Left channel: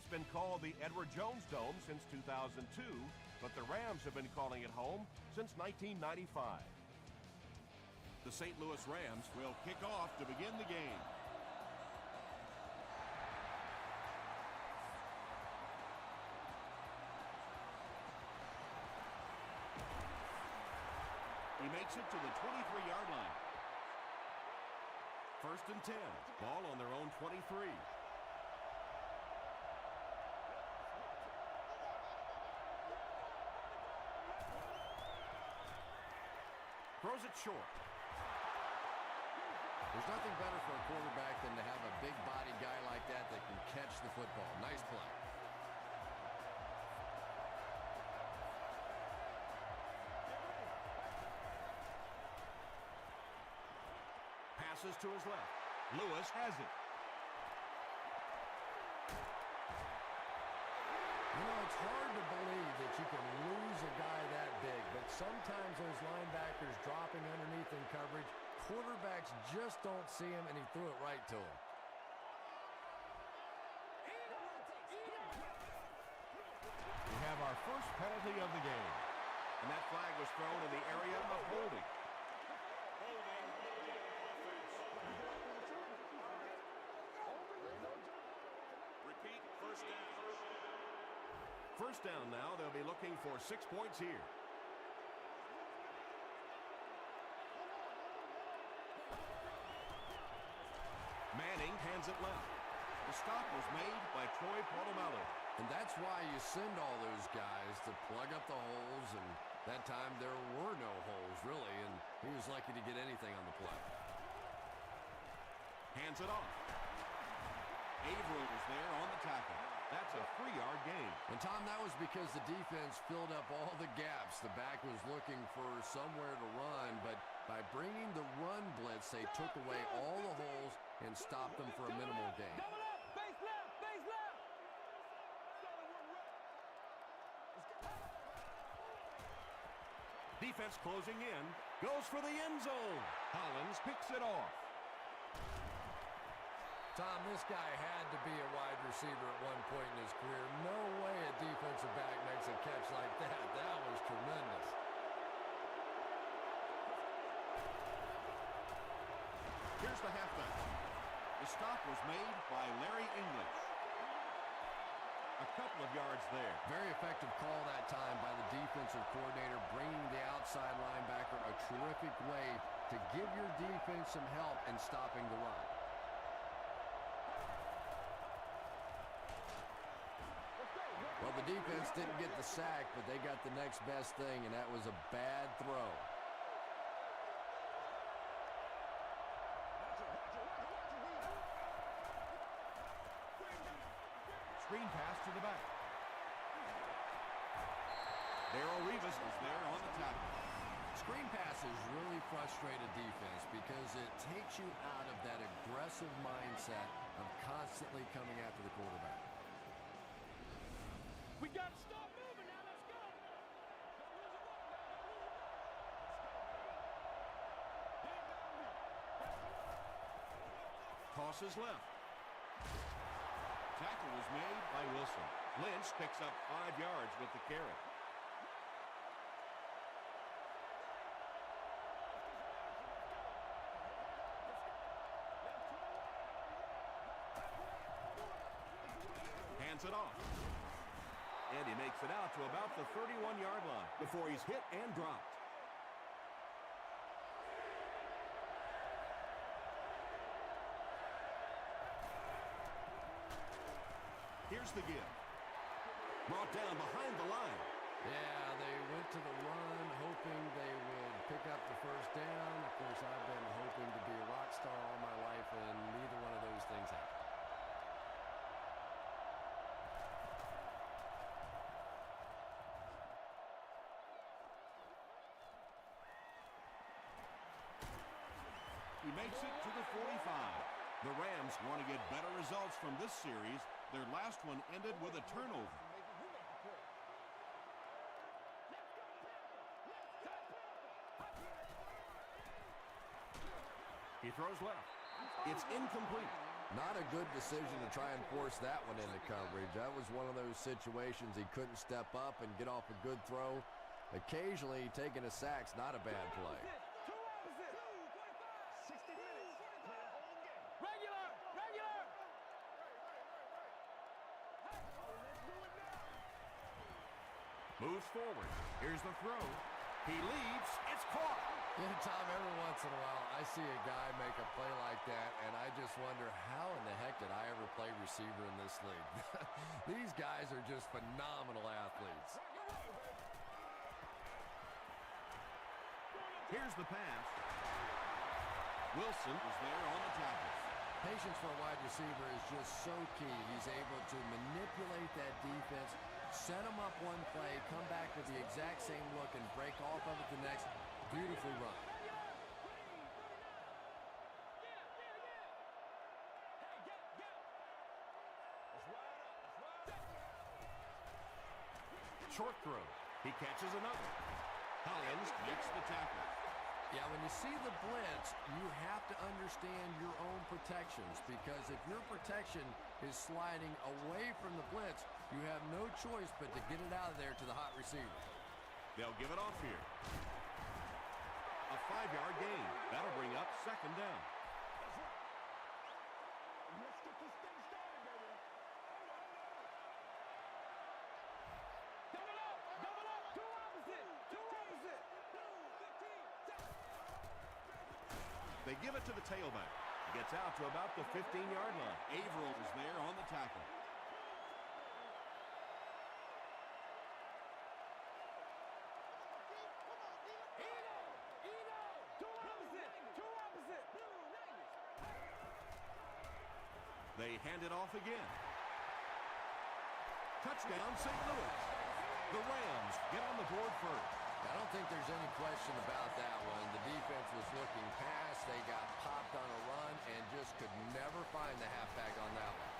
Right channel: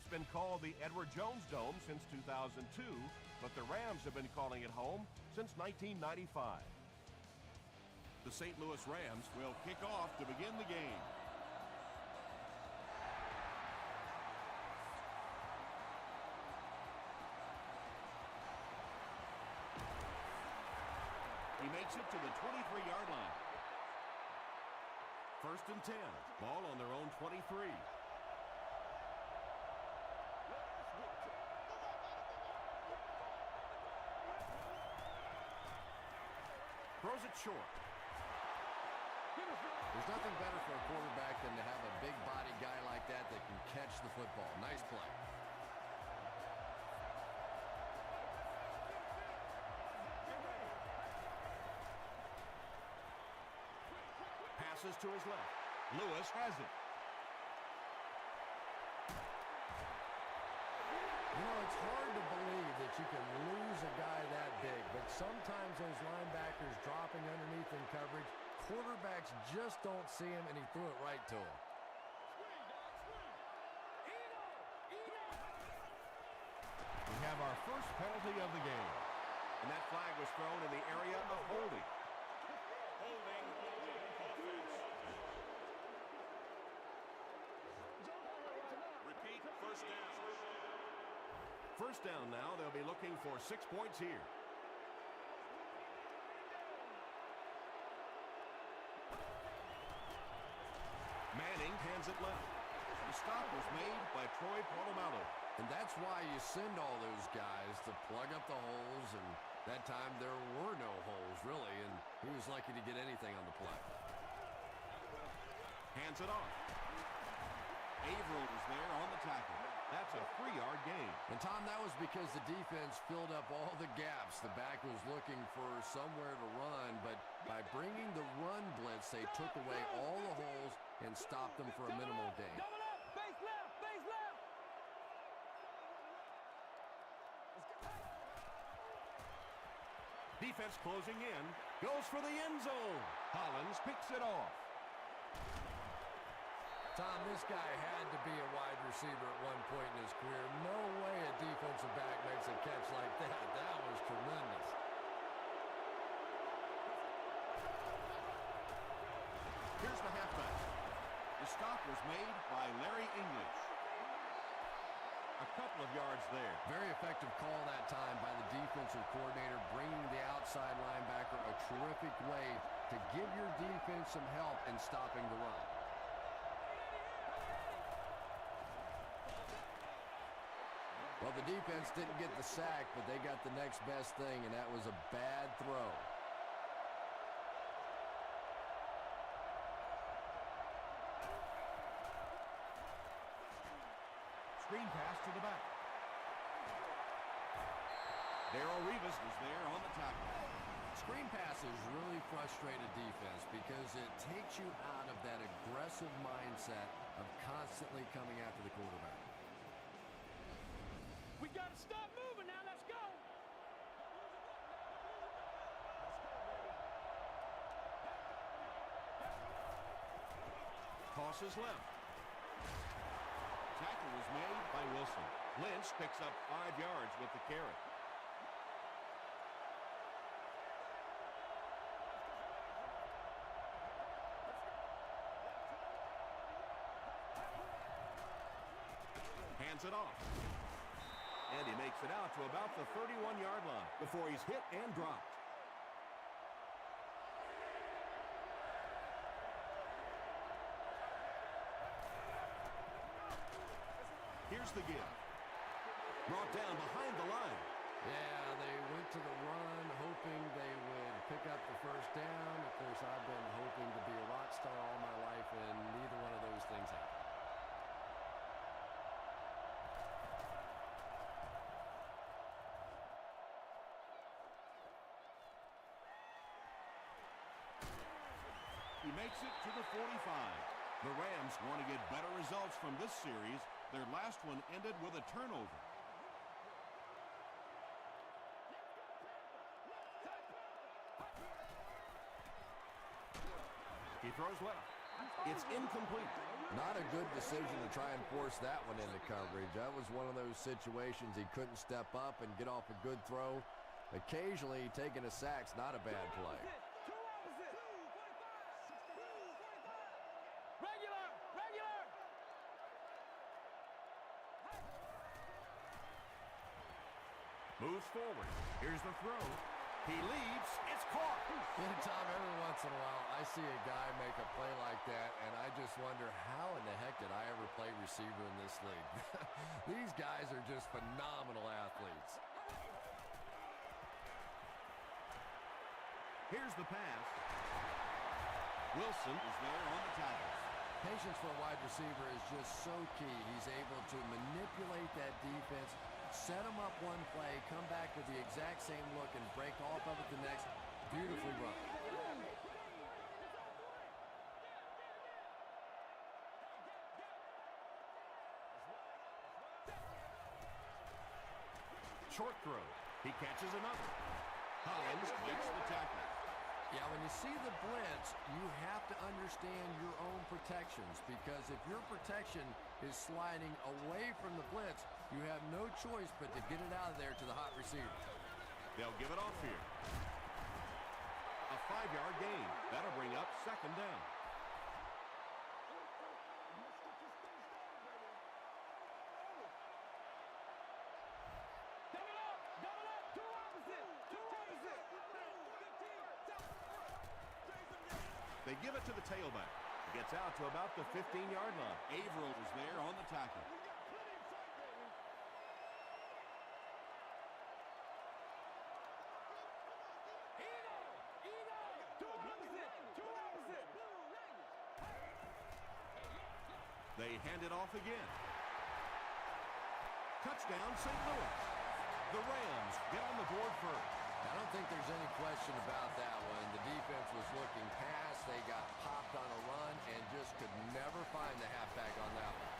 It's been called the Edward Jones Dome since 2002, but the Rams have been calling it home since 1995. The St. Louis Rams will kick off to begin the game. He makes it to the 23-yard line. 1st and 10. Ball on their own 23. Throws it short. There's nothing better for a quarterback than to have a big body guy like that can catch the football. Nice play. Passes to his left. Lewis has it. You know, it's hard to believe that you can lose a guy that big, but sometimes those linebackers dropping underneath in coverage, quarterbacks just don't see him, and he threw it right to him. We have our first penalty of the game. And that flag was thrown in the area of holding. Holding offense. Repeat, first down. First down now. They'll be looking for 6 points here. Manning hands it left. The stop was made by Troy Polamalu. And that's why you send all those guys to plug up the holes, and that time there were no holes, really, and he was lucky to get anything on the play. Hands it off. Averill was there on the tackle. That's a 3-yard gain. And, Tom, that was because the defense filled up all the gaps. The back was looking for somewhere to run, but by bringing the run blitz, they took away all the holes and stopped them for a minimal gain. Double up, base left, base left. Defense closing in. Goes for the end zone. Hollins picks it off. Tom, this guy had to be a wide receiver at one point in his career. No way a defensive back makes a catch like that. That was tremendous. Here's the halfback. The stop was made by Larry English. A couple of yards there. Very effective call that time by the defensive coordinator, bringing the outside linebacker, a terrific way to give your defense some help in stopping the run. Well, the defense didn't get the sack, but they got the next best thing, and that was a bad throw. Screen pass to the back. Darrelle Revis is there on the tackle. Screen passes really frustrate a defense because it takes you out of that aggressive mindset of constantly coming after the quarterback. We got to start moving now. Let's go. Don't lose it right now. Don't lose it right. Let's go, baby. Dig down deep. Tosses left. Tackle was made by Wilson. Lynch picks up 5 yards with the carry. Hands it off. And he makes it out to about the 31-yard line before he's hit and dropped. Here's the give. Brought down behind the line. Yeah, they went to the run hoping they would pick up the first down. Of course, I've been hoping to be a rock star all my life, and neither one of those things happened. He makes it to the 45. The Rams want to get better results from this series. Their last one ended with a turnover. He throws left. It's incomplete. Not a good decision to try and force that one into coverage. That was one of those situations he couldn't step up and get off a good throw. Occasionally, taking a sack's not a bad play. Two opposite. 2:45. 60 minutes. 2:45. Regular. Moves forward. Here's the throw. He leaps. It's caught. Yeah, Tom, every once in a while, I see a guy make a play like that, and I just wonder, how in the heck did I ever play receiver in this league? These guys are just phenomenal athletes. Here's the pass. Wilson is there on the tackle. Patience for a wide receiver is just so key. He's able to manipulate that defense, set them up one play, come back with the exact same look, and break off of it the next. Beautifully run. Short throw. He catches another. Collins makes the tackle. Yeah, when you see the blitz, you have to understand your own protections, because if your protection is sliding away from the blitz, you have no choice but to get it out of there to the hot receiver. They'll give it off here. A 5-yard gain. That'll bring up second down. Let's get this thing started, baby. Double up. Two opposite. 15. They give it to the tailback. He gets out to about the 15-yard line. Averill is there on the tackle. Two opposite. They hand it off again. Touchdown, St. Louis. The Rams get on the board first. I don't think there's any question about that one. The defense was looking past. They got popped on a run and just could never find the halfback on that one.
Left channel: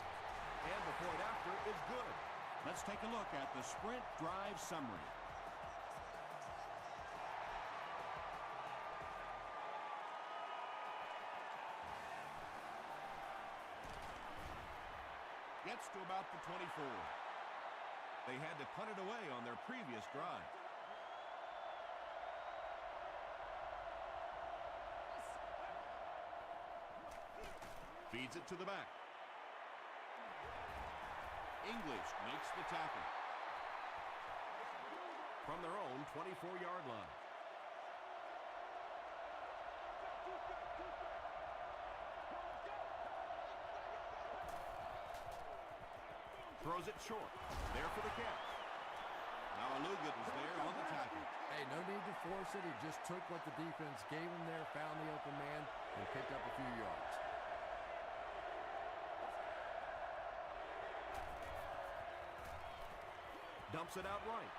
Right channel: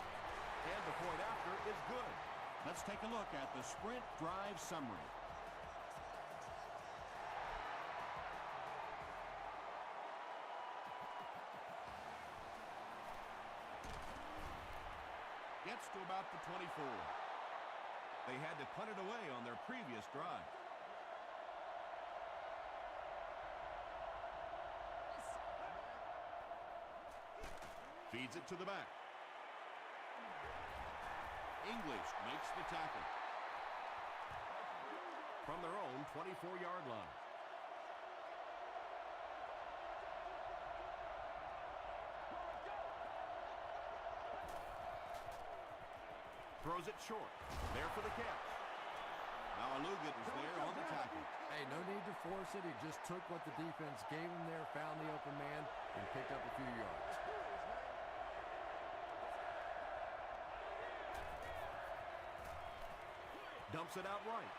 And the point after is good. Let's take a look at the sprint drive summary. Gets to about the 24. They had to punt it away on their previous drive. Feeds it to the back. English makes the tackle. From their own 24-yard line. Throws it short. There for the catch. Now Aluga is there on the tackle. Hey, no need to force it. He just took what the defense gave him there, found the open man, and picked up a few yards. Dumps it out right.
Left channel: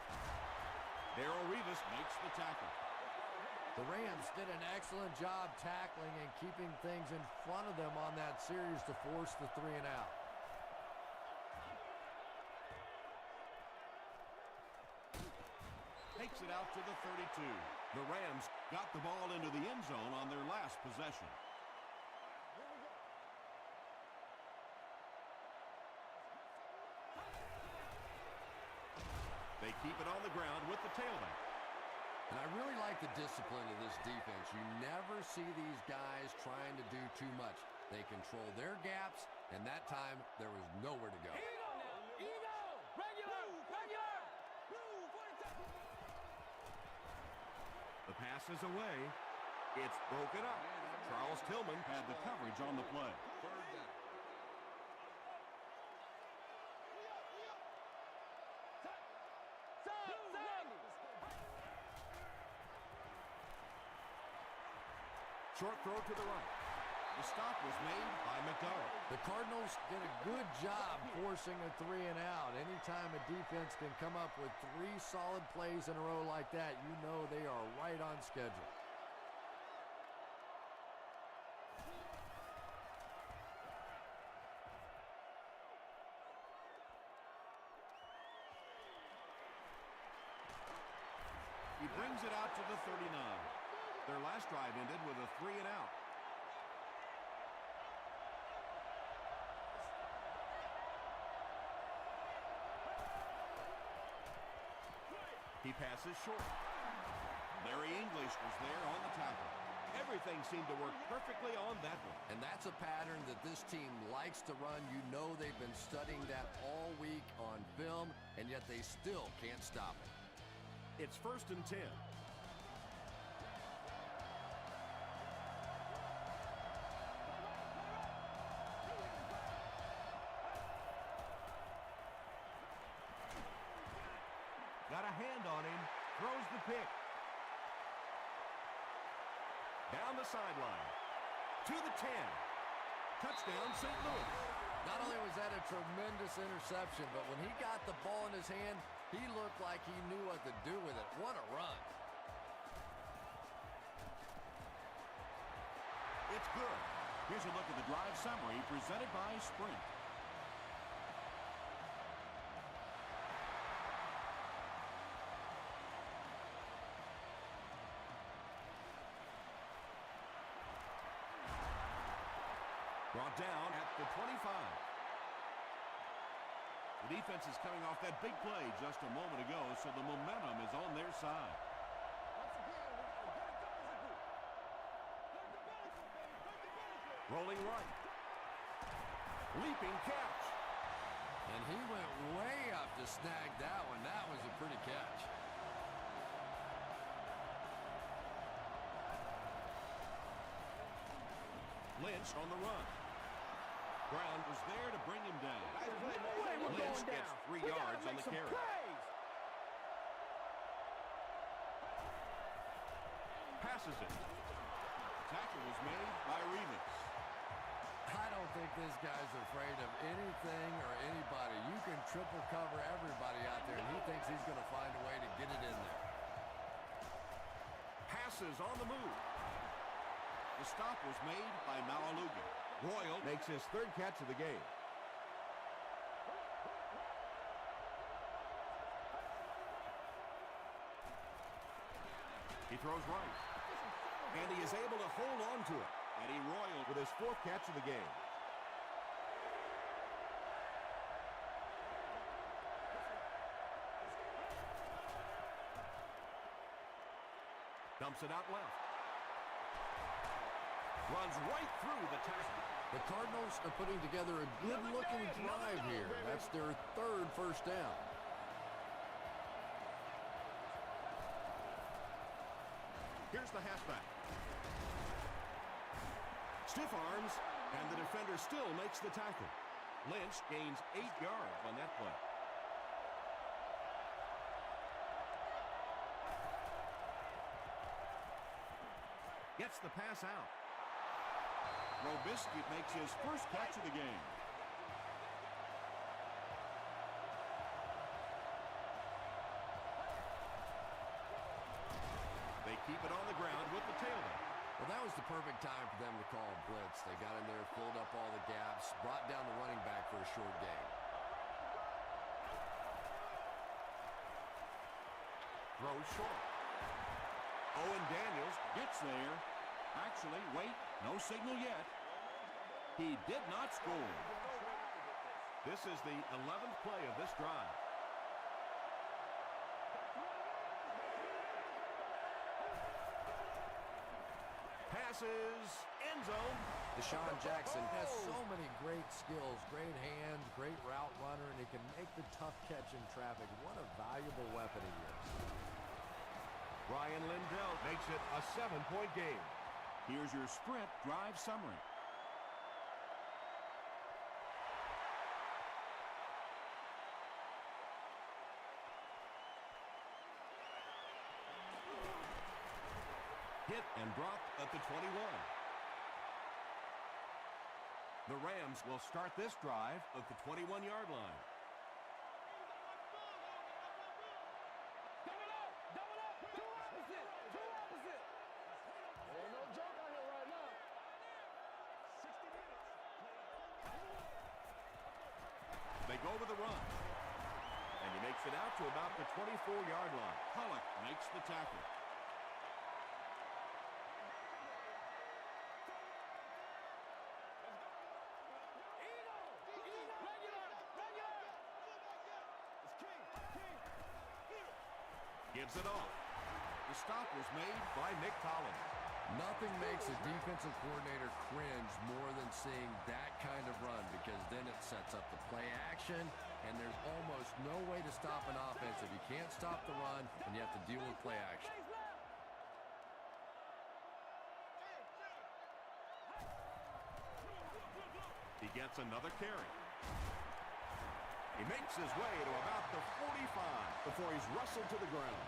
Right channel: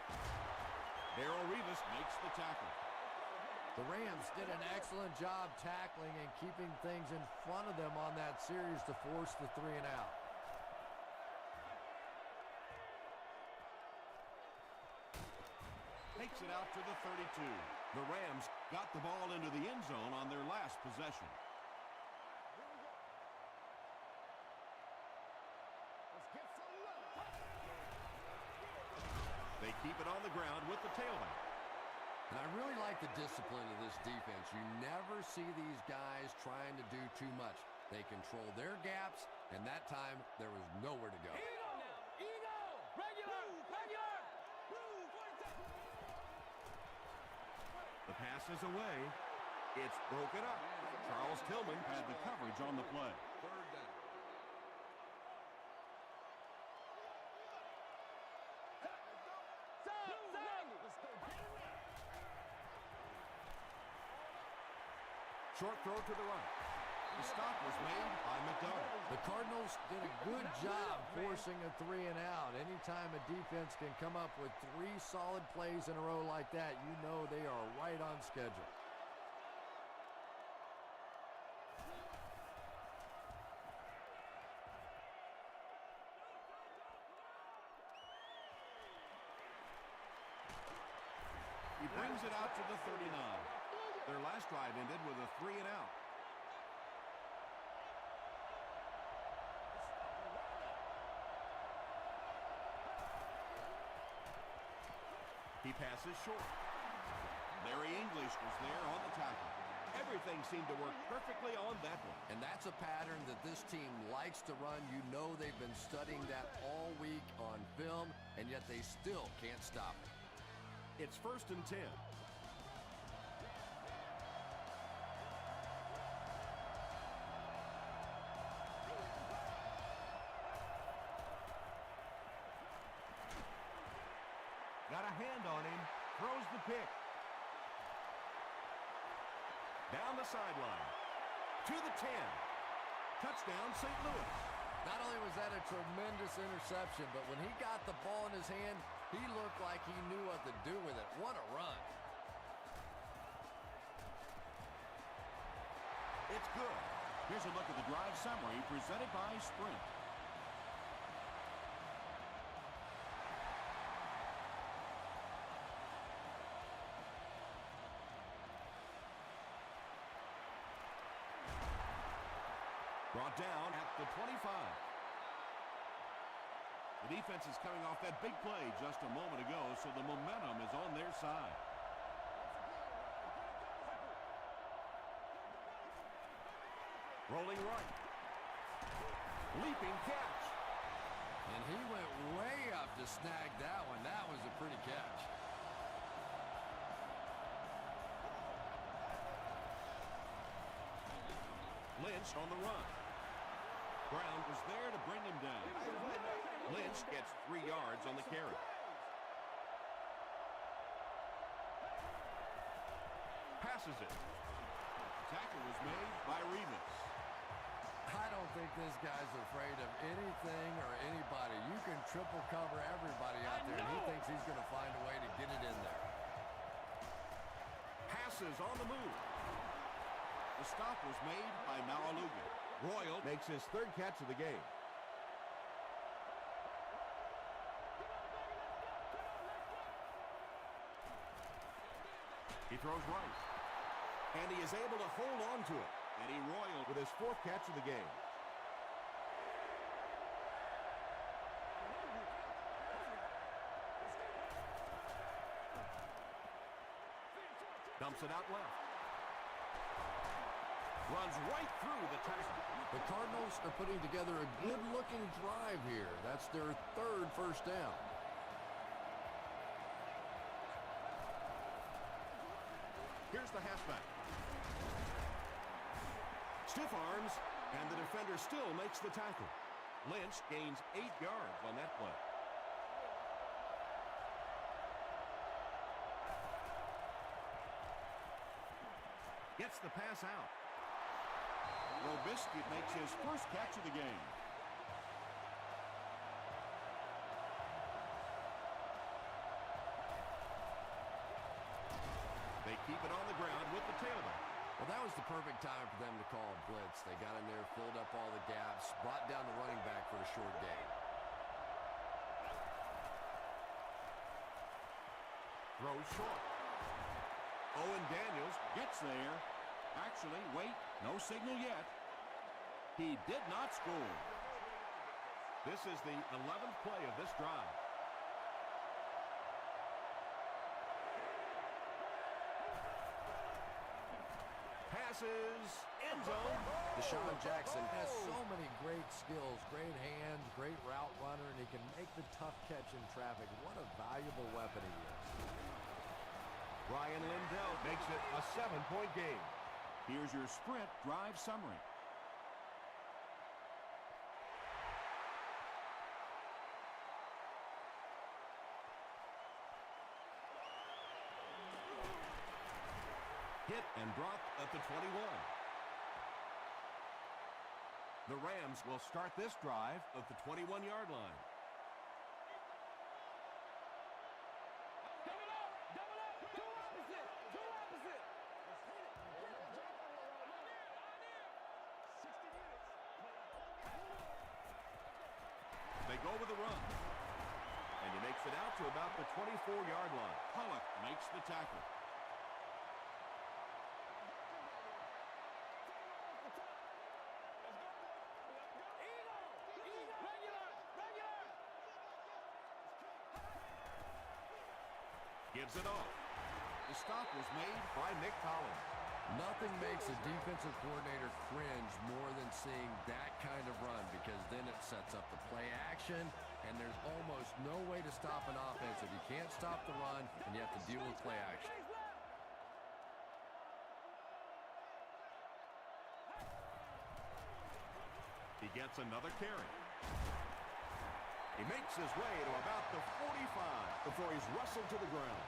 Darrell Revis makes the tackle. The Rams did an excellent job tackling and keeping things in front of them on that series to force the 3 and out. Takes it out to the 32. The Rams got the ball into the end zone on their last possession. They keep it on the ground with the tailback. And I really like the discipline of this defense. You never see these guys trying to do too much. They control their gaps, and that time there was nowhere to go. Ego! Regular! Blue 47. The pass is away. It's broken up. Charles Tillman Had the coverage on the play. Short throw to the right. The stop was made by McDonald. The Cardinals did a good job forcing a 3 and out. Anytime a defense can come up with 3 solid plays in a row like that, you know they are right on schedule. He brings it out to the 39. Their last drive ended with a 3 and out. He passes short. Larry English was there on the tackle. Everything seemed to work perfectly on that one. And that's a pattern that this team likes to run. You know they've been studying that all week on film, and yet they still can't stop it. It's 1st and 10. Got a hand on him. Throws the pick. Down the sideline. To the 10. Touchdown, St. Louis. Not only was that a tremendous interception, but when he got the ball in his hand, he looked like he knew what to do with it. What a run. It's good. Here's a look at the drive summary presented by Sprint. Brought down at the 25. The defense is coming off that big play just a moment ago, so the momentum is on their side. Rolling right. Leaping catch. And he went way up to snag that one. That was a pretty catch. Lynch on the run. Brown was there to bring him down. Lynch gets 3 yards on the carry. Passes it. Tackle was made by Revis. I don't think this guy's afraid of anything or anybody. You can triple cover everybody out there, and he thinks he's going to find a way to get it in there. Passes on the move. The stop was made by Malaluga. Royal makes his 3rd catch of the game. He throws right. And he is able to hold on to it. Eddie Royal with his 4th catch of the game. Dumps it out left. Runs right through the tackle. The Cardinals are putting together a good-looking drive here. That's their 3rd first down. Here's the halfback. Stiff arms, and the defender still makes the tackle. Lynch gains 8 yards on that play. Gets the pass out. Robisky makes his 1st catch of the game. They keep it on the ground with the tailback. Well, that was the perfect time for them to call a blitz. They got in there, filled up all the gaps, brought down the running back for a short gain. Throws short. Owen Daniels gets there. Actually, wait, no signal yet. He did not score. This is the 11th play of this drive. Passes, end zone. Deshaun Jackson has so many great skills, great hands, great route runner, and he can make the tough catch in traffic. What a valuable weapon he is. Ryan Lindell makes it a 7-point game. Here's your Sprint drive summary. Hit and dropped at the 21. The Rams will start this drive at the 21-yard line. Double up! Double up! Two opposite! Two opposite! Ain't no joke out here right now. 60 minutes. They go with a run. And he makes it out to about the 24-yard line. Pollock makes the tackle. Gives it off. The stop was made by Nick Collins. Nothing makes a defensive coordinator cringe more than seeing that kind of run, because then it sets up the play action, and there's almost no way to stop an offense if you can't stop the run and you have to deal with play action. He gets another carry. He makes his way to about the 45 before he's wrestled to the ground.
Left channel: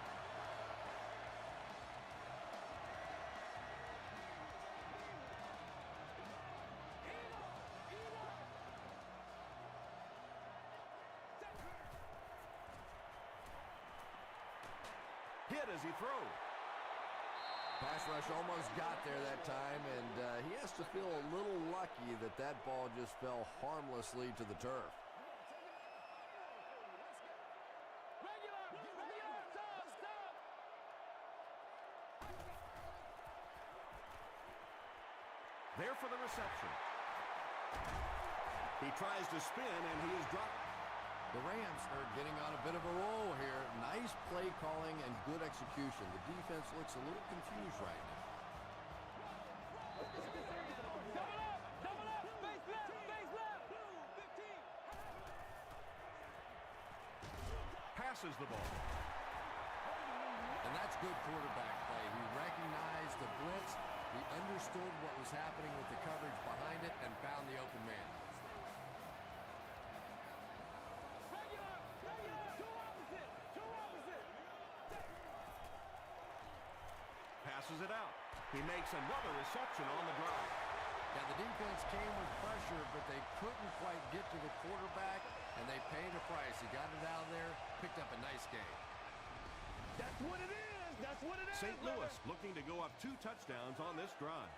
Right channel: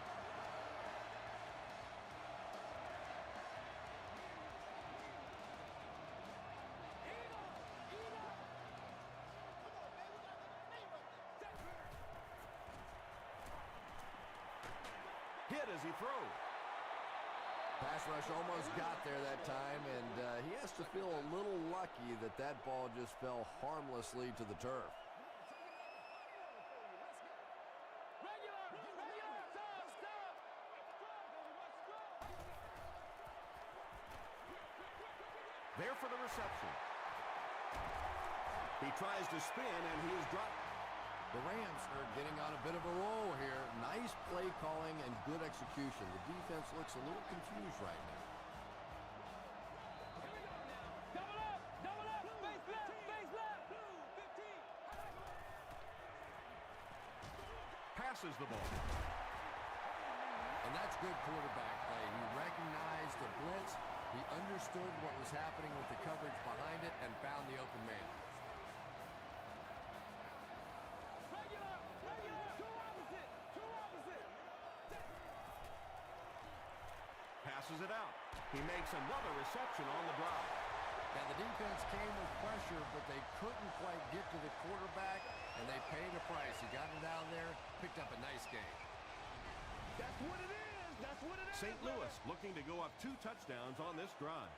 Hit as he throws. Pass rush almost got there that time, and he has to feel a little lucky that that ball just fell harmlessly to the turf. There for the reception. He tries to spin, and he is dropped. The Rams are getting on a bit of a roll here. Nice play calling and good execution. The defense looks a little confused right now. Double up, face left. Passes the ball. And that's good quarterback play. He recognized the blitz. He understood what was happening with the coverage behind it and found the open man. Passes it out. He makes another reception on the drive. Yeah, the defense came with pressure, but they couldn't quite get to the quarterback, and they paid a price. He got it out of there, picked up a nice game. That's what it is. That's what it is. St. Louis looking to go up 2 touchdowns on this drive.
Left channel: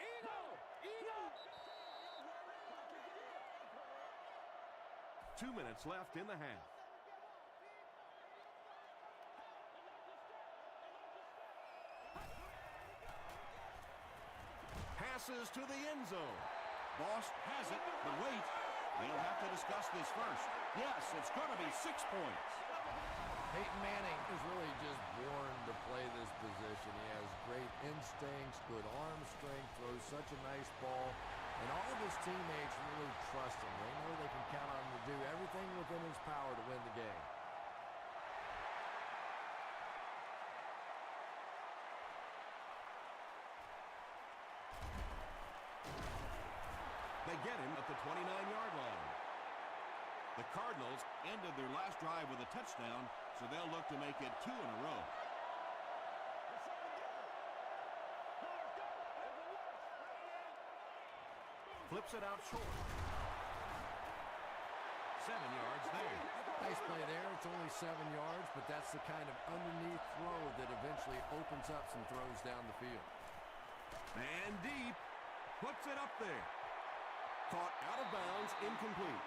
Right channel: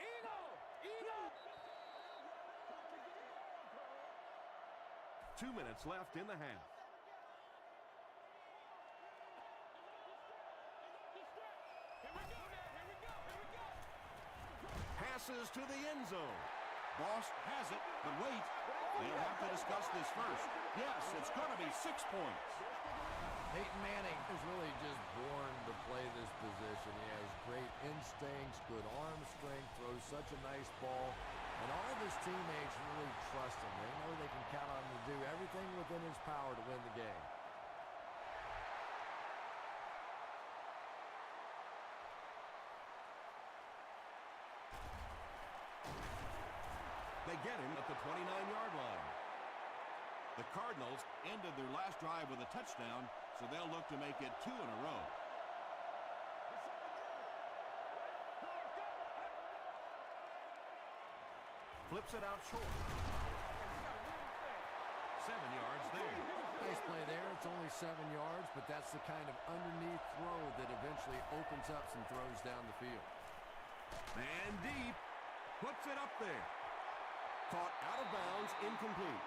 Eagle! 2 minutes left in the half. Passes to the end zone. Boss has it, but wait. They'll have to discuss this first. Yes, it's going to be 6 points. Peyton Manning is really just born to play this position. He has great instincts, good arm strength, throws such a nice ball, and all of his teammates really trust him. They know they can count on him to do everything within his power to win the game. They get him at the 29-yard line. The Cardinals ended their last drive with a touchdown, so they'll look to make it 2 in a row. Flips it out short. 7 yards there. Nice play there. It's only 7 yards, but that's the kind of underneath throw that eventually opens up some throws down the field. And deep. Puts it up there. Caught out of bounds, incomplete.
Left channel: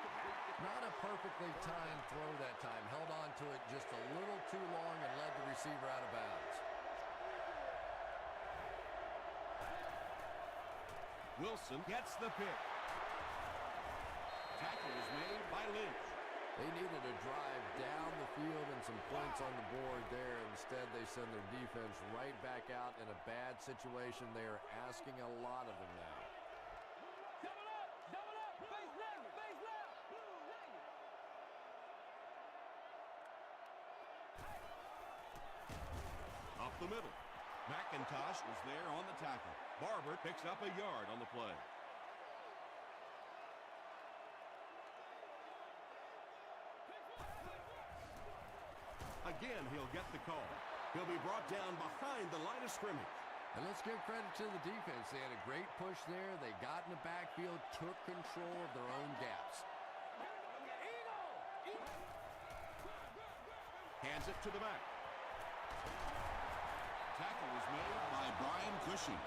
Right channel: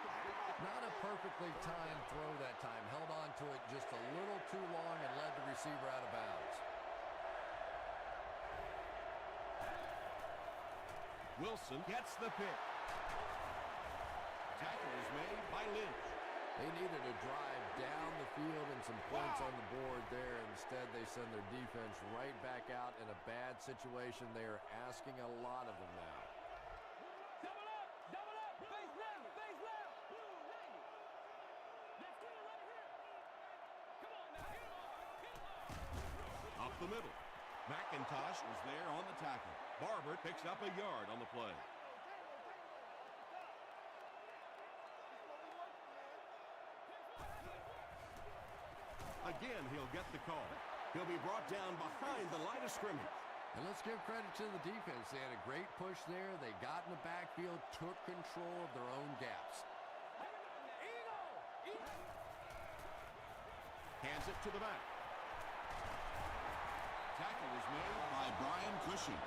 Not a perfectly timed throw that time. Held on to it just a little too long and led the receiver out of bounds. Wilson gets the pick. Tackle is made by Lynch. They needed a drive down the field and some points on the board there. Instead, they send their defense right back out in a bad situation. They are asking a lot of them now. Double up, face left. Up the middle. McIntosh was there on the tackle. Barber picks up a yard on the play. Again, he'll get the call. He'll be brought down behind the line of scrimmage. And let's give credit to the defense. They had a great push there. They got in the backfield, took control of their own gaps. Hands it to the back. Tackle was made by Brian Cushing.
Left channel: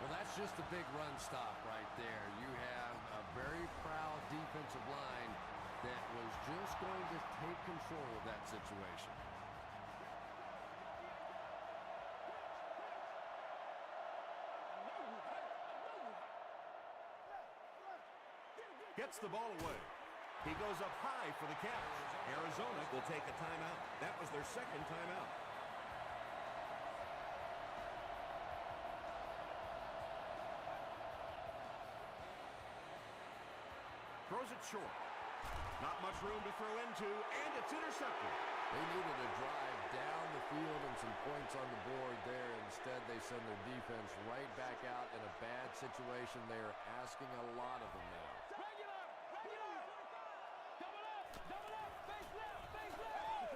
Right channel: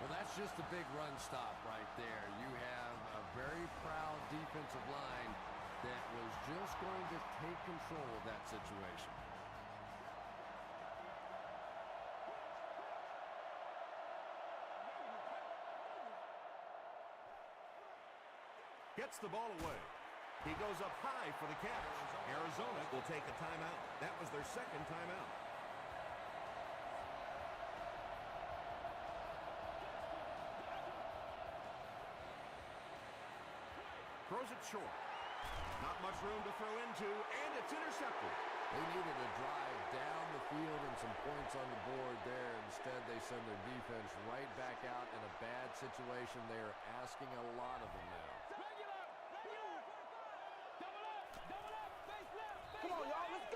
Well, that's just a big run stop right there. You have a very proud defensive line that was just going to take control of that situation. Gets the ball away. He goes up high for the catch. Arizona will take a timeout. That was their second timeout. Throws it short. Not much room to throw into, and it's intercepted. They needed a drive down the field and some points on the board there. Instead, they send their defense right back out in a bad situation. They are asking a lot of them now. Regular! Regular! Double up! Double up! Face left! Face left!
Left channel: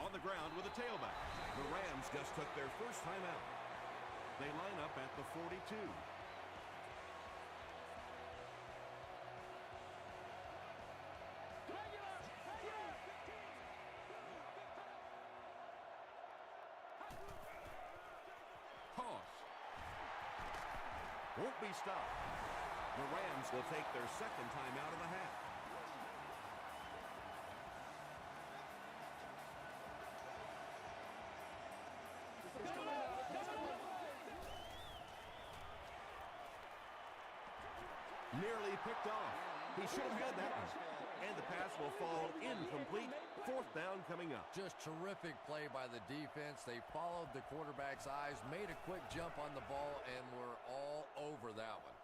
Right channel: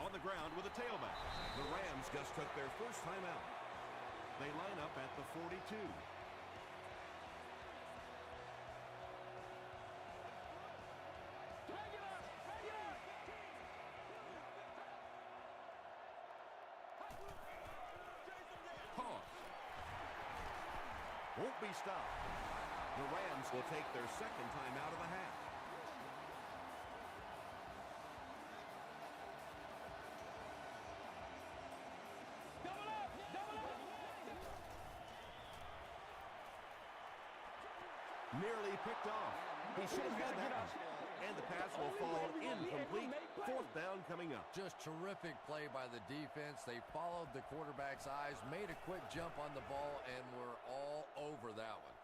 On the ground with a tailback. The Rams just took their first time out. They line up at the 42. Regular! Regular! Toss. Won't be stopped. The Rams will take their second time out of the half. Double up! Double up! Nearly picked off. He should have had that one. And the pass will fall incomplete. Fourth down coming up. Just terrific play by the defense. They followed the quarterback's eyes, made a quick jump on the ball, and were all over that one.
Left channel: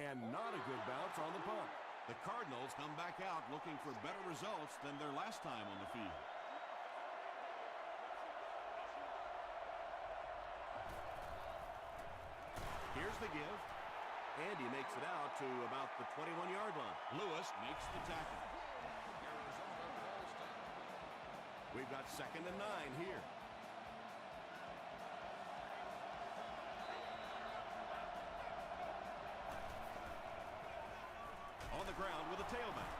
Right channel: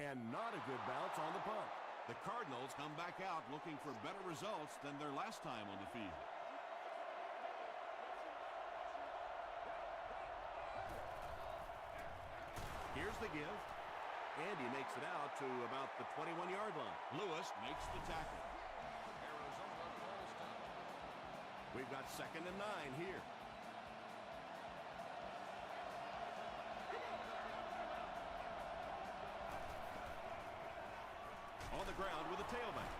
And not a good bounce on the punt. The Cardinals come back out looking for better results than their last time on the field. Here's the give. And he makes it out to about the 21-yard line. Lewis makes the tackle. We've got 2nd and 9 here. On the ground with a tailback.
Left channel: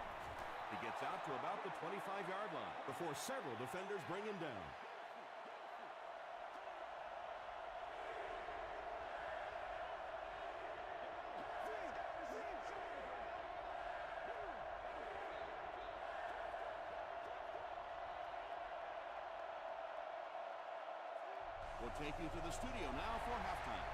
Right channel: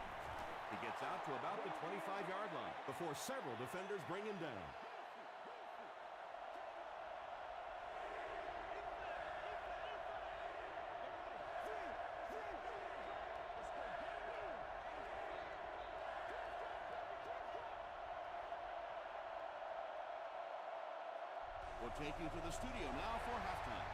He gets out to about the 25-yard line before several defenders bring him down. We'll take you to the studio now for halftime.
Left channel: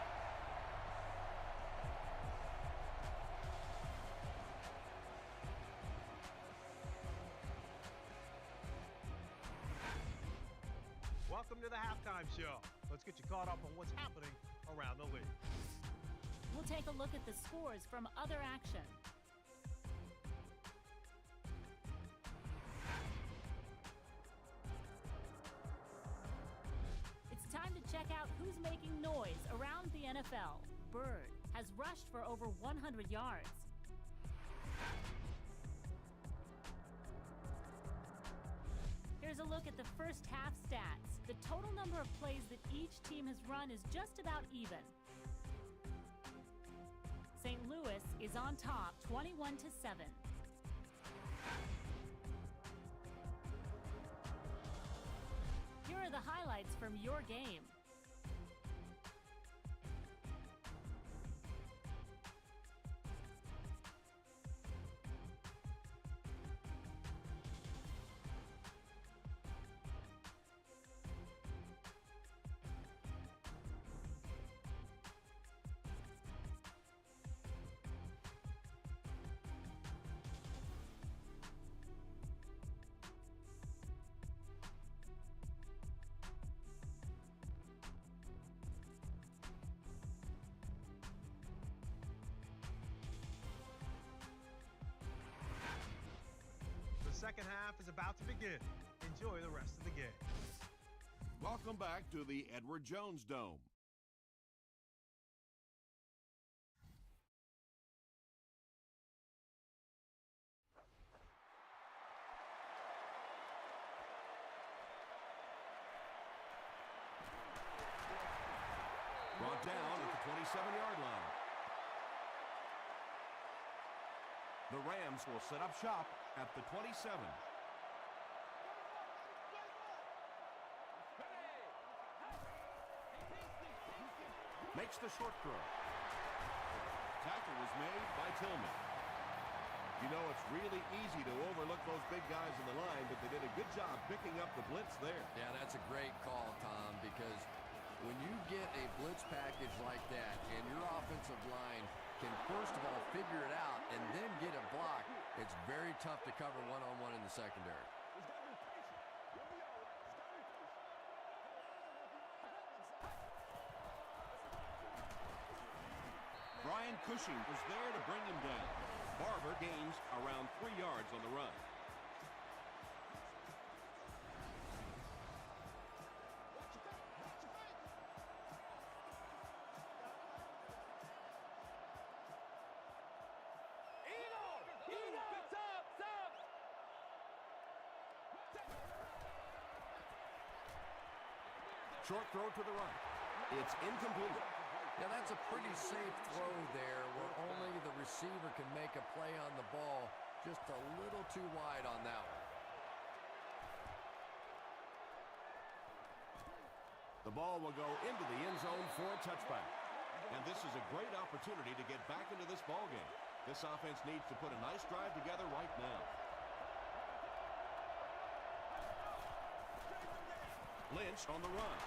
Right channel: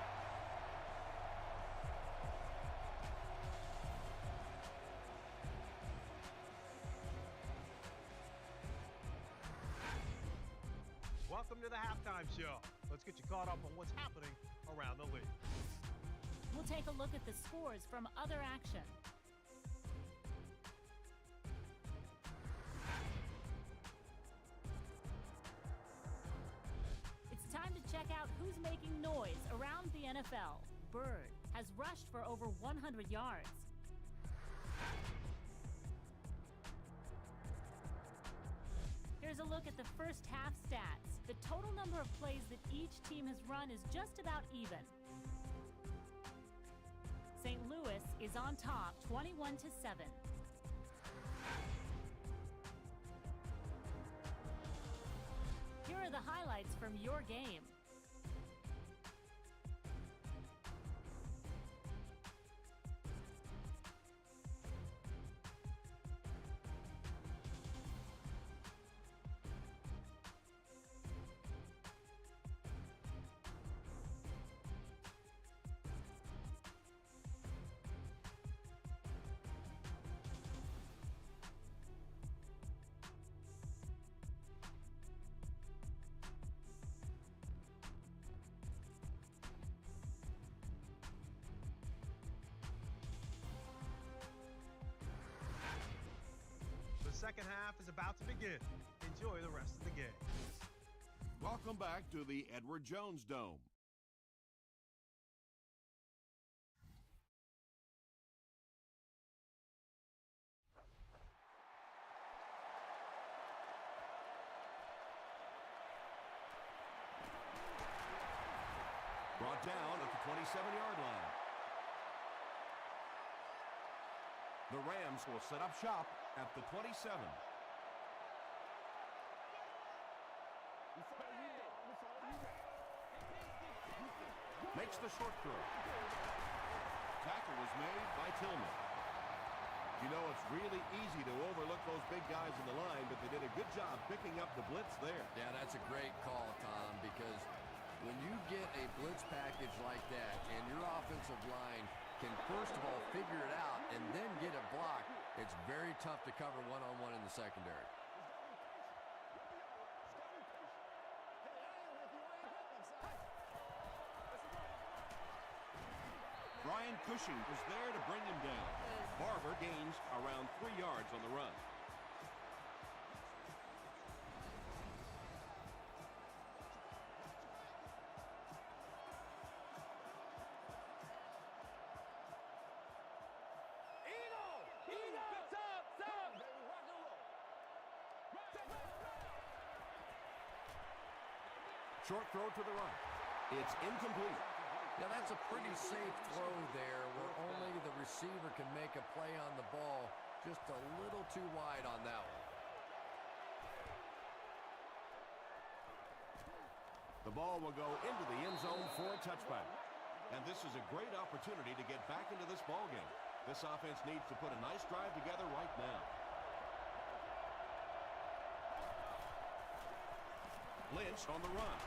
Welcome to the halftime show. Let's get you caught up on what's happening around the league. We'll take a look at the scores from other action. It's time to check out who's making noise around the NFL. Bird has rushed for over 100 yards. Here's a look at the first half stats. The total number of plays that each team has run is just about even. St. Louis is on top, 21-7. Here are the highlights from your game. The second half is about to begin. Enjoy the rest of the game. Welcome back to the Edward Jones Dome. Brought down at the 27-yard line. The Rams will set up shop at the 27. Makes the short throw. Tackle was made by Tillman. You know, it's really easy to overlook those big guys on the line, but they did a good job picking up the blitz there. Yeah, that's a great call, Tom, because when you get a blitz package like that and your offensive line can first of all figure it out and then get it blocked, it's very tough to cover one-on-one in the secondary. Just gotta be patient. You'll be all right. Just gotta be patient. Hey, I ain't with you. I ain't going upside. Brian Cushing was there to bring him down. Barber gains around 3 yards on the run. Short throw to the right. It's incomplete. Yeah, that's a pretty safe throw there where only the receiver can make a play on the ball. Just a little too wide on that one. The ball will go into the end zone for a touchback. And this is a great opportunity to get back into this ball game. This offense needs to put a nice drive together right now. Lynch on the run.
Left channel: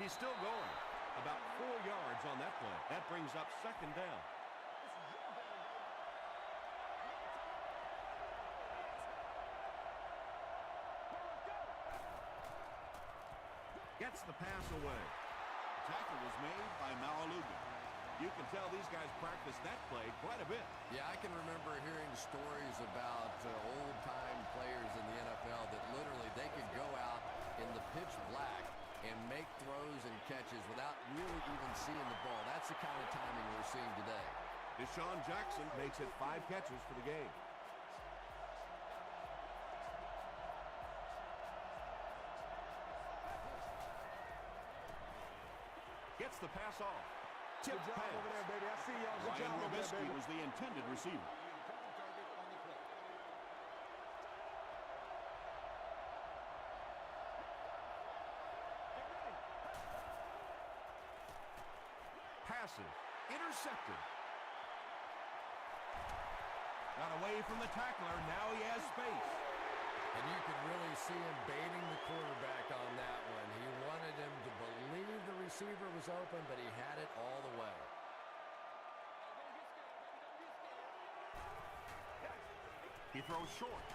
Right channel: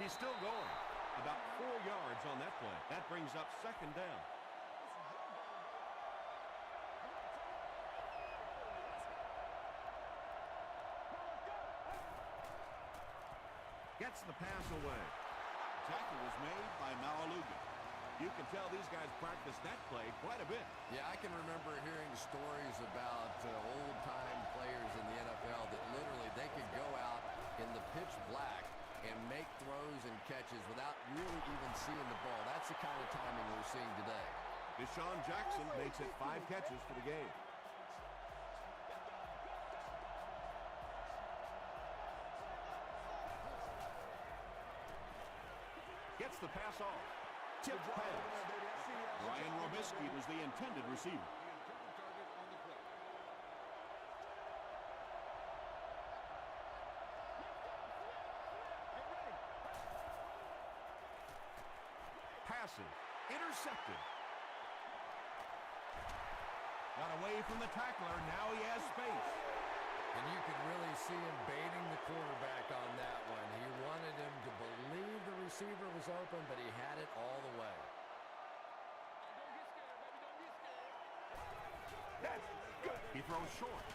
He's still going. About 4 yards on that play. That brings up second down. Gets the pass away. Tackle was made by Malaluga. You can tell these guys practice that play quite a bit. Yeah, I can remember hearing stories about old-time players in the NFL that literally they could go out in the pitch black and make throws and catches without really even seeing the ball. That's the kind of timing we're seeing today. Deshaun Jackson makes it 5 catches for the game. Gets the pass off. Tip Good job pass. over there, baby. I see y'all. Good Ryan job over there, Robisky baby. was the intended receiver. Passes. Intercepted. Got away from the tackler. Now he has space. And you could really see him baiting the quarterback on that one. He wanted him to believe the receiver was open, but he had it all the way. He throws short.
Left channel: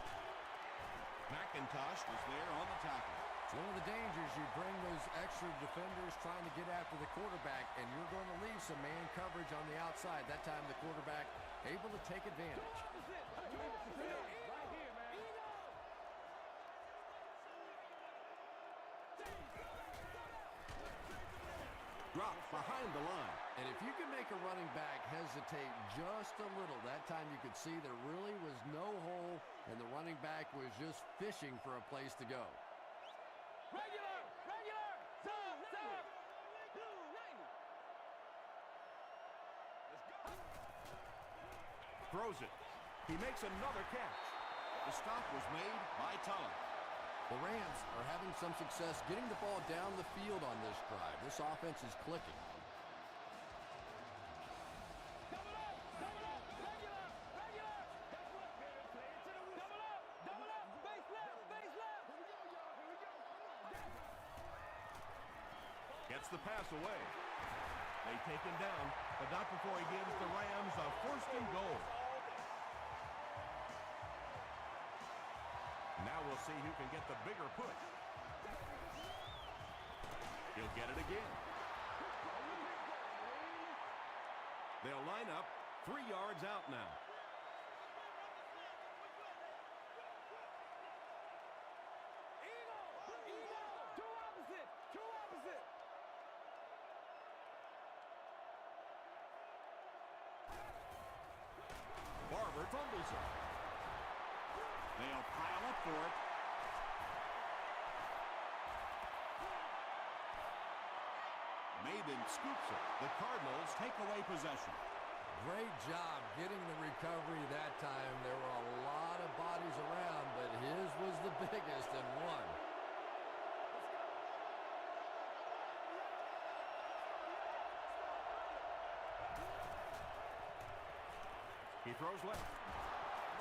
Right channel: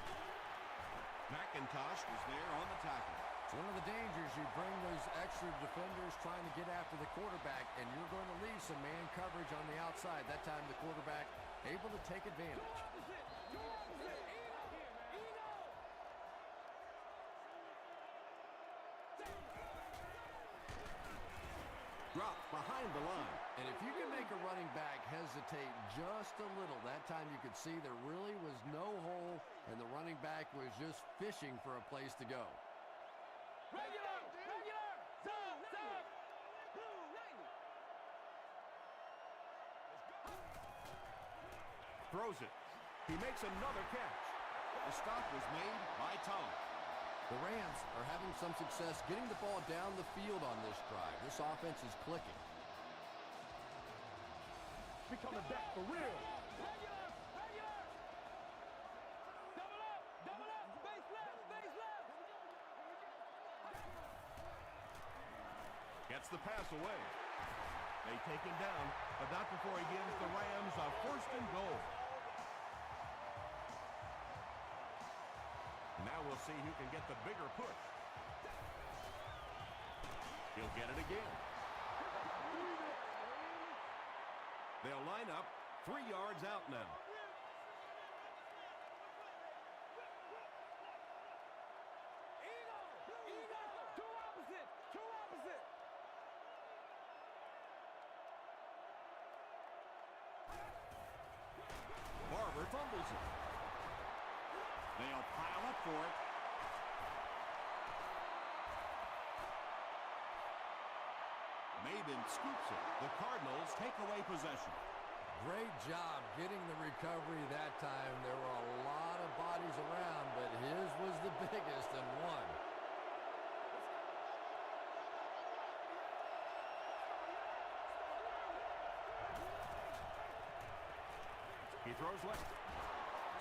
McIntosh was there on the tackle. It's one of the dangers. You bring those extra defenders trying to get after the quarterback, and you're going to leave some man coverage on the outside. That time the quarterback able to take advantage. Right here, man. Dropped behind the line. And if you can make a running back hesitate just a little, that time you could see there really was no hole, and the running back was just fishing for a place to go. Regular, sub. Blue 90. Let's go. Throws it. He makes another catch. The stop was made by Tulloch. The Rams are having some success getting the ball down the field on this drive. This offense is clicking. We coming back for real. Regular. Double up. Face left. Here we go, y'all. Here we go. Come on. Gets the pass away. They take him down, but not before he gives the Rams a 1st and goal. Now we'll see who can get the bigger push. He'll get it again. They'll line up 3 yards out now. Eagle. Two opposite. Barber fumbles it. They'll pile up for it. Maben scoops it. The Cardinals take away possession. Great job getting the recovery that time. There were a lot of bodies around, but his was the biggest and one. He throws left.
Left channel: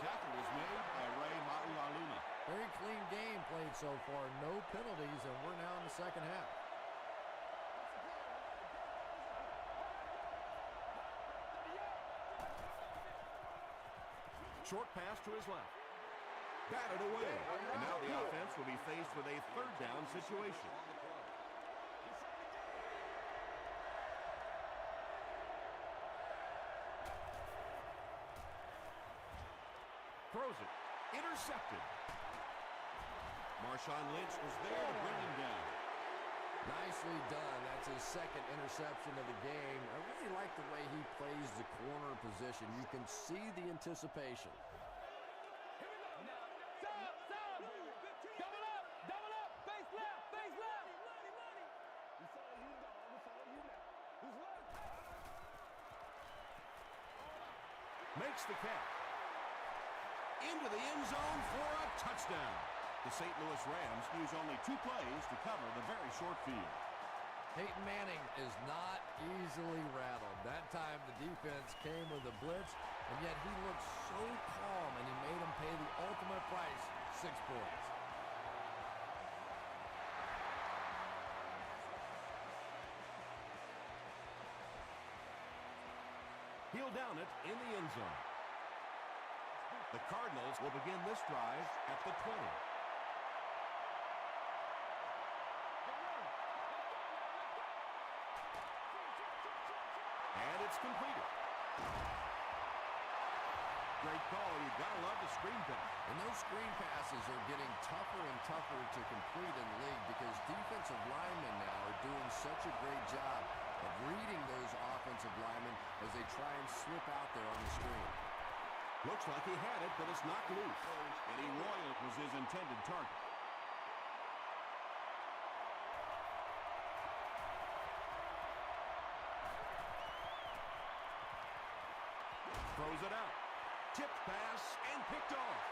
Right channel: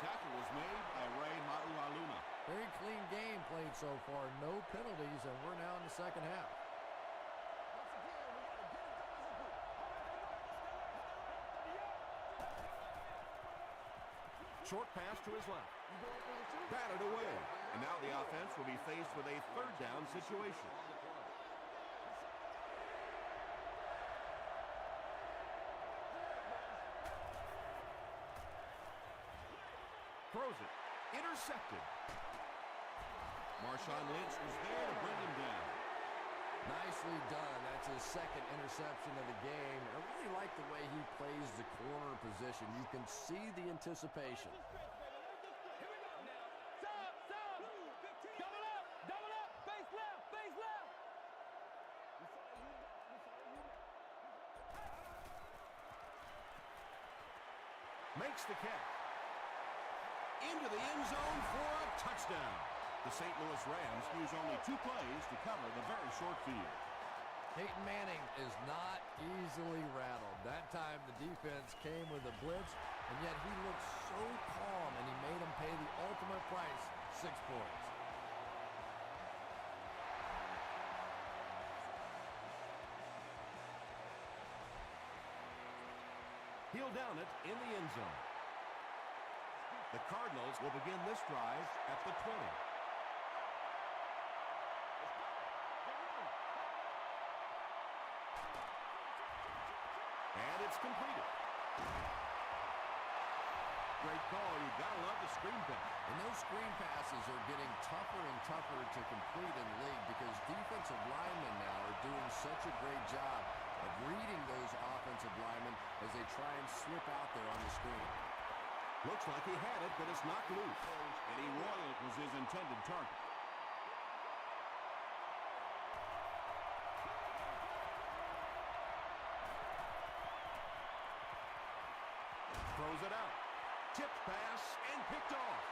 Tackle was made by Ray Maualuna. Very clean game played so far. No penalties, and we're now in the second half. Once again, we got to get it done as a group. Short pass to his left. Batted away. And now the offense will be faced with a third down situation. Throws it. Intercepted. Marshawn Lynch was there to bring him down. Nicely done. That's his second interception of the game. I really like the way he plays the corner position. You can see the anticipation. Here we go now. Sub. Double up. Face left. We follow you, dog. We follow you now. Who's left? Makes the catch. Into the end zone for a touchdown. The St. Louis Rams use only 2 plays to cover the very short field. Peyton Manning is not easily rattled. That time the defense came with a blitz, and yet he looked so calm, and he made them pay the ultimate price, 6 points. He'll down it in the end zone. The Cardinals will begin this drive at the 20. And it's completed. Great call. You've got to love the screen pass. And those screen passes are getting tougher and tougher to complete in the league because defensive linemen now are doing such a great job of reading those offensive linemen as they try and slip out there on the screen. Looks like he had it, but it's knocked loose. Eddie Royal was his intended target. Throws it out. Tipped pass and picked off.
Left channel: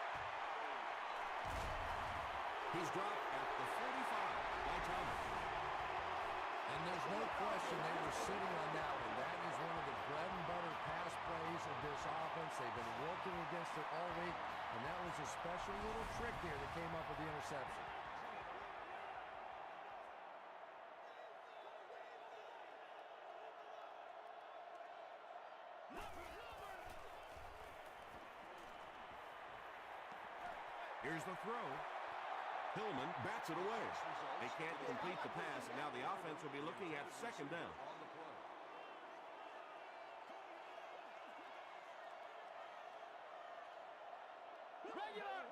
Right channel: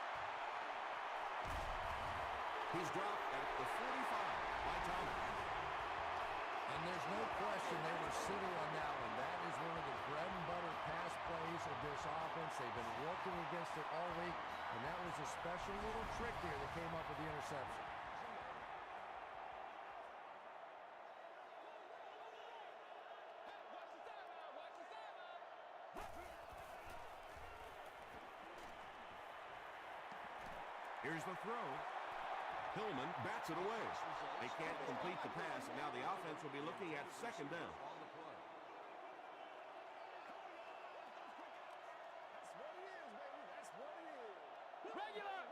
He's dropped at the 45 by Thomas. And there's no question they were sitting on that one. That is one of the bread and butter pass plays of this offense. They've been working against it all week, and that was a special little trick there that came up with the interception. Here's the throw. Hillman bats it away. They can't complete the pass, and now the offense will be looking at second down. Regular.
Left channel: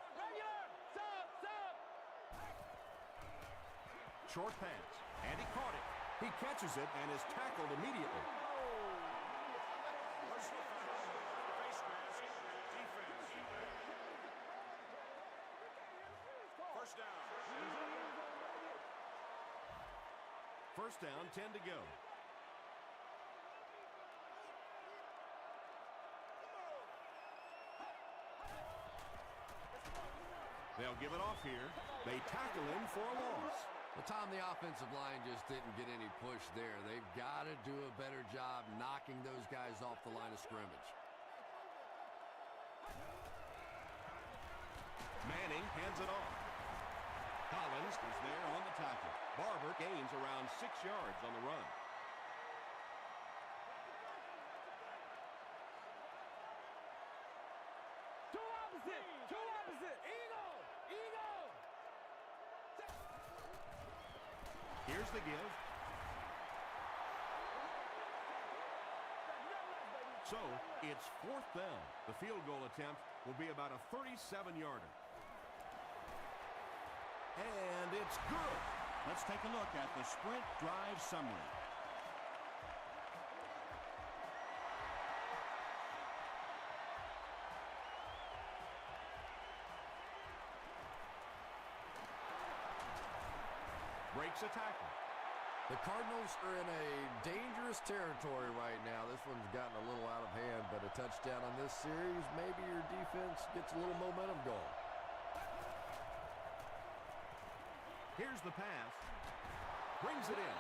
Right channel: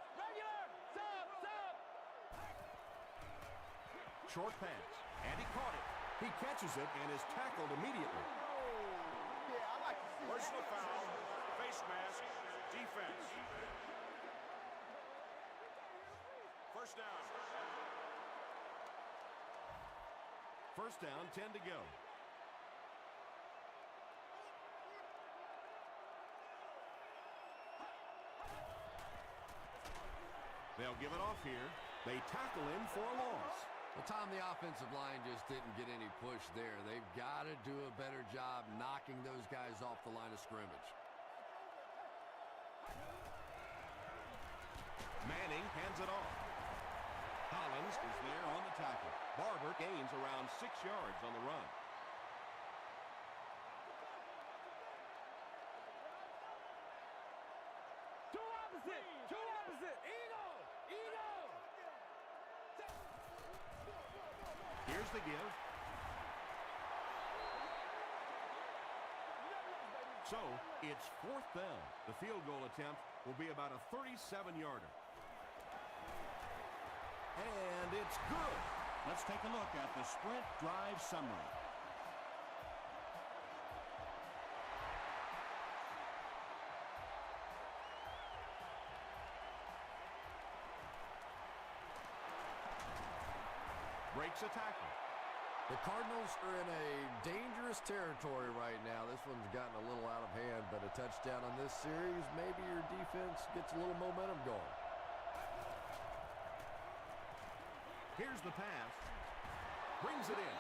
Sub. Short pass, and he caught it. He catches it and is tackled immediately. Personal foul, face mask, defense. First down. First down, 10 to go. They'll give it off here. They tackle him for a loss. Well, Tom, the offensive line just didn't get any push there. They've got to do a better job knocking those guys off the line of scrimmage. Manning hands it off. Collins is there on the tackle. Barber gains around 6 yards on the run. Two opposite. Eagle. Here's the give. So, it's 4th down. The field goal attempt will be about a 37-yarder. And it's good. Let's take a look at the sprint drive summary. Breaks a tackle. The Cardinals are in a dangerous territory right now. This one's gotten a little out of hand, but a touchdown on this series, maybe your defense gets a little momentum going. Here's the pass. Brings it in.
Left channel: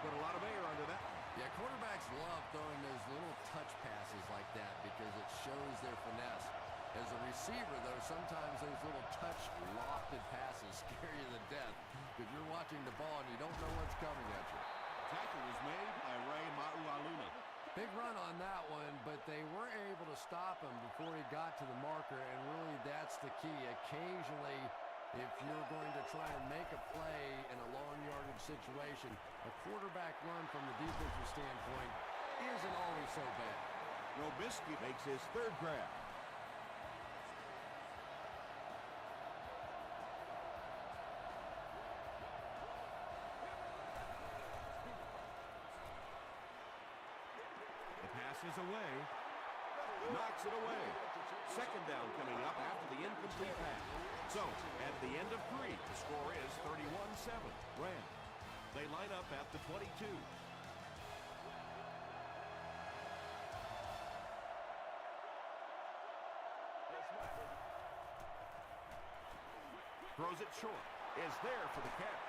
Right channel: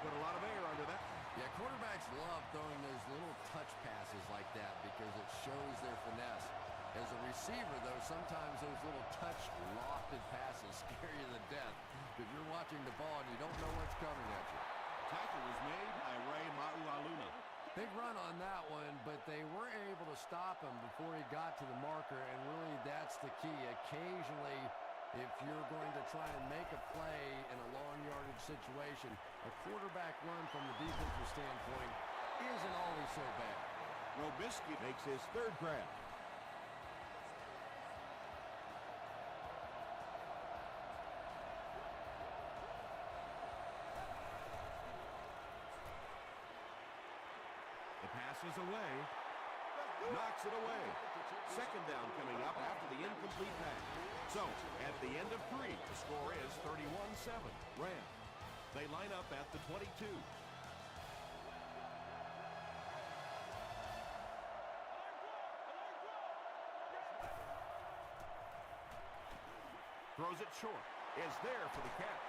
Put a lot of air under that. Yeah, quarterbacks love throwing those little touch passes like that because it shows their finesse. As a receiver, though, sometimes those little touch lofted passes scare you to death because you're watching the ball and you don't know what's coming at you. Tackle was made by Ray Maualuna. Big run on that one, but they were able to stop him before he got to the marker, and really that's the key. Occasionally, if you're going to try and make a play in a long yardage situation, a quarterback run from the defensive standpoint isn't always so bad. Robisky makes his third grab. The pass is away. Knocks it away. Second down coming up after the incomplete pass. So, at the end of 3, the score is 31-7. Rams. They line up at the 22. Throws it short. Is there for the catch.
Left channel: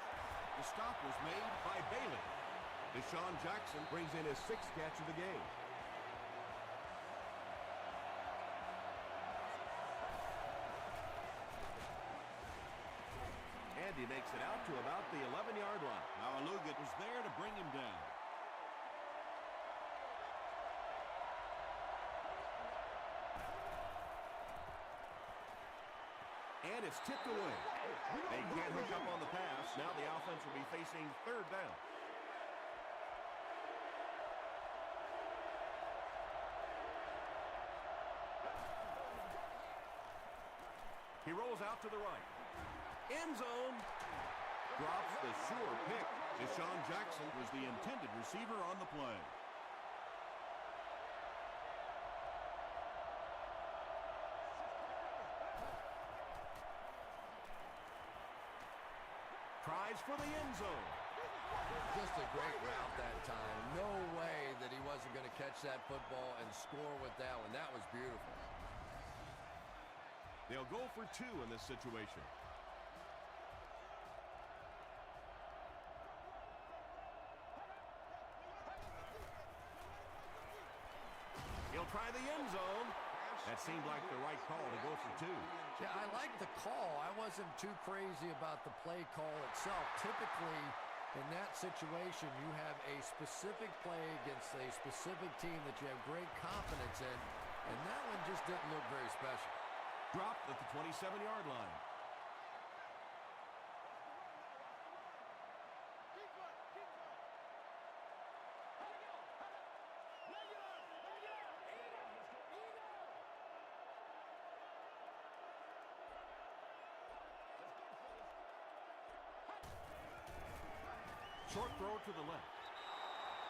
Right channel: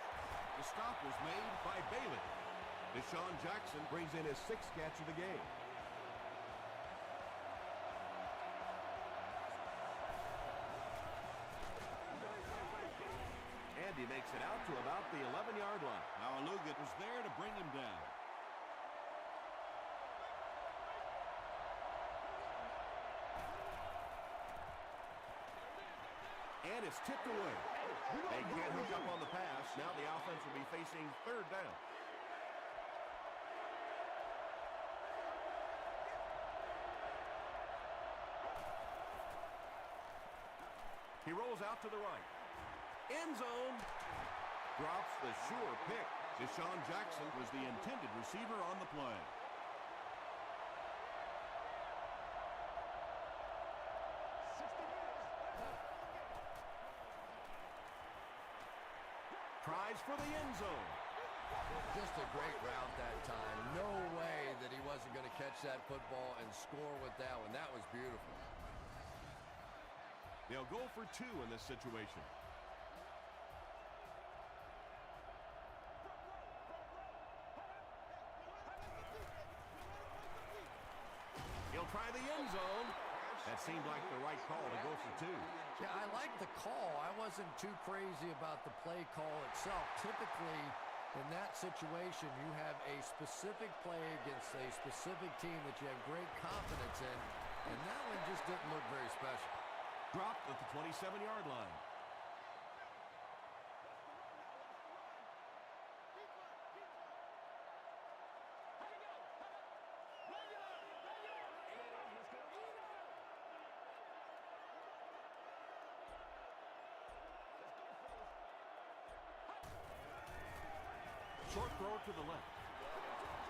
The stop was made by Bailey. Deshaun Jackson brings in his 6th catch of the game. And he makes it out to about the 11-yard line. Now Alugat was there to bring him down. And it's tipped away. They can't hook up on the pass. Now the offense will be facing third down. He rolls out to the right. End zone. Drops the sure pick. Deshaun Jackson was the intended receiver on the play. Tries for the end zone. Just a great route that time. No way that he wasn't going to catch that football and score with that one. That was beautiful. They'll go for 2 in this situation. He'll try the end zone. That seemed like the right call to go for 2. Yeah, I like the call. I wasn't too crazy about the play call itself. Typically, in that situation, you have a specific play against a specific team that you have great confidence in, and that one just didn't look very special. Dropped at the 27-yard line. Short throw to the left.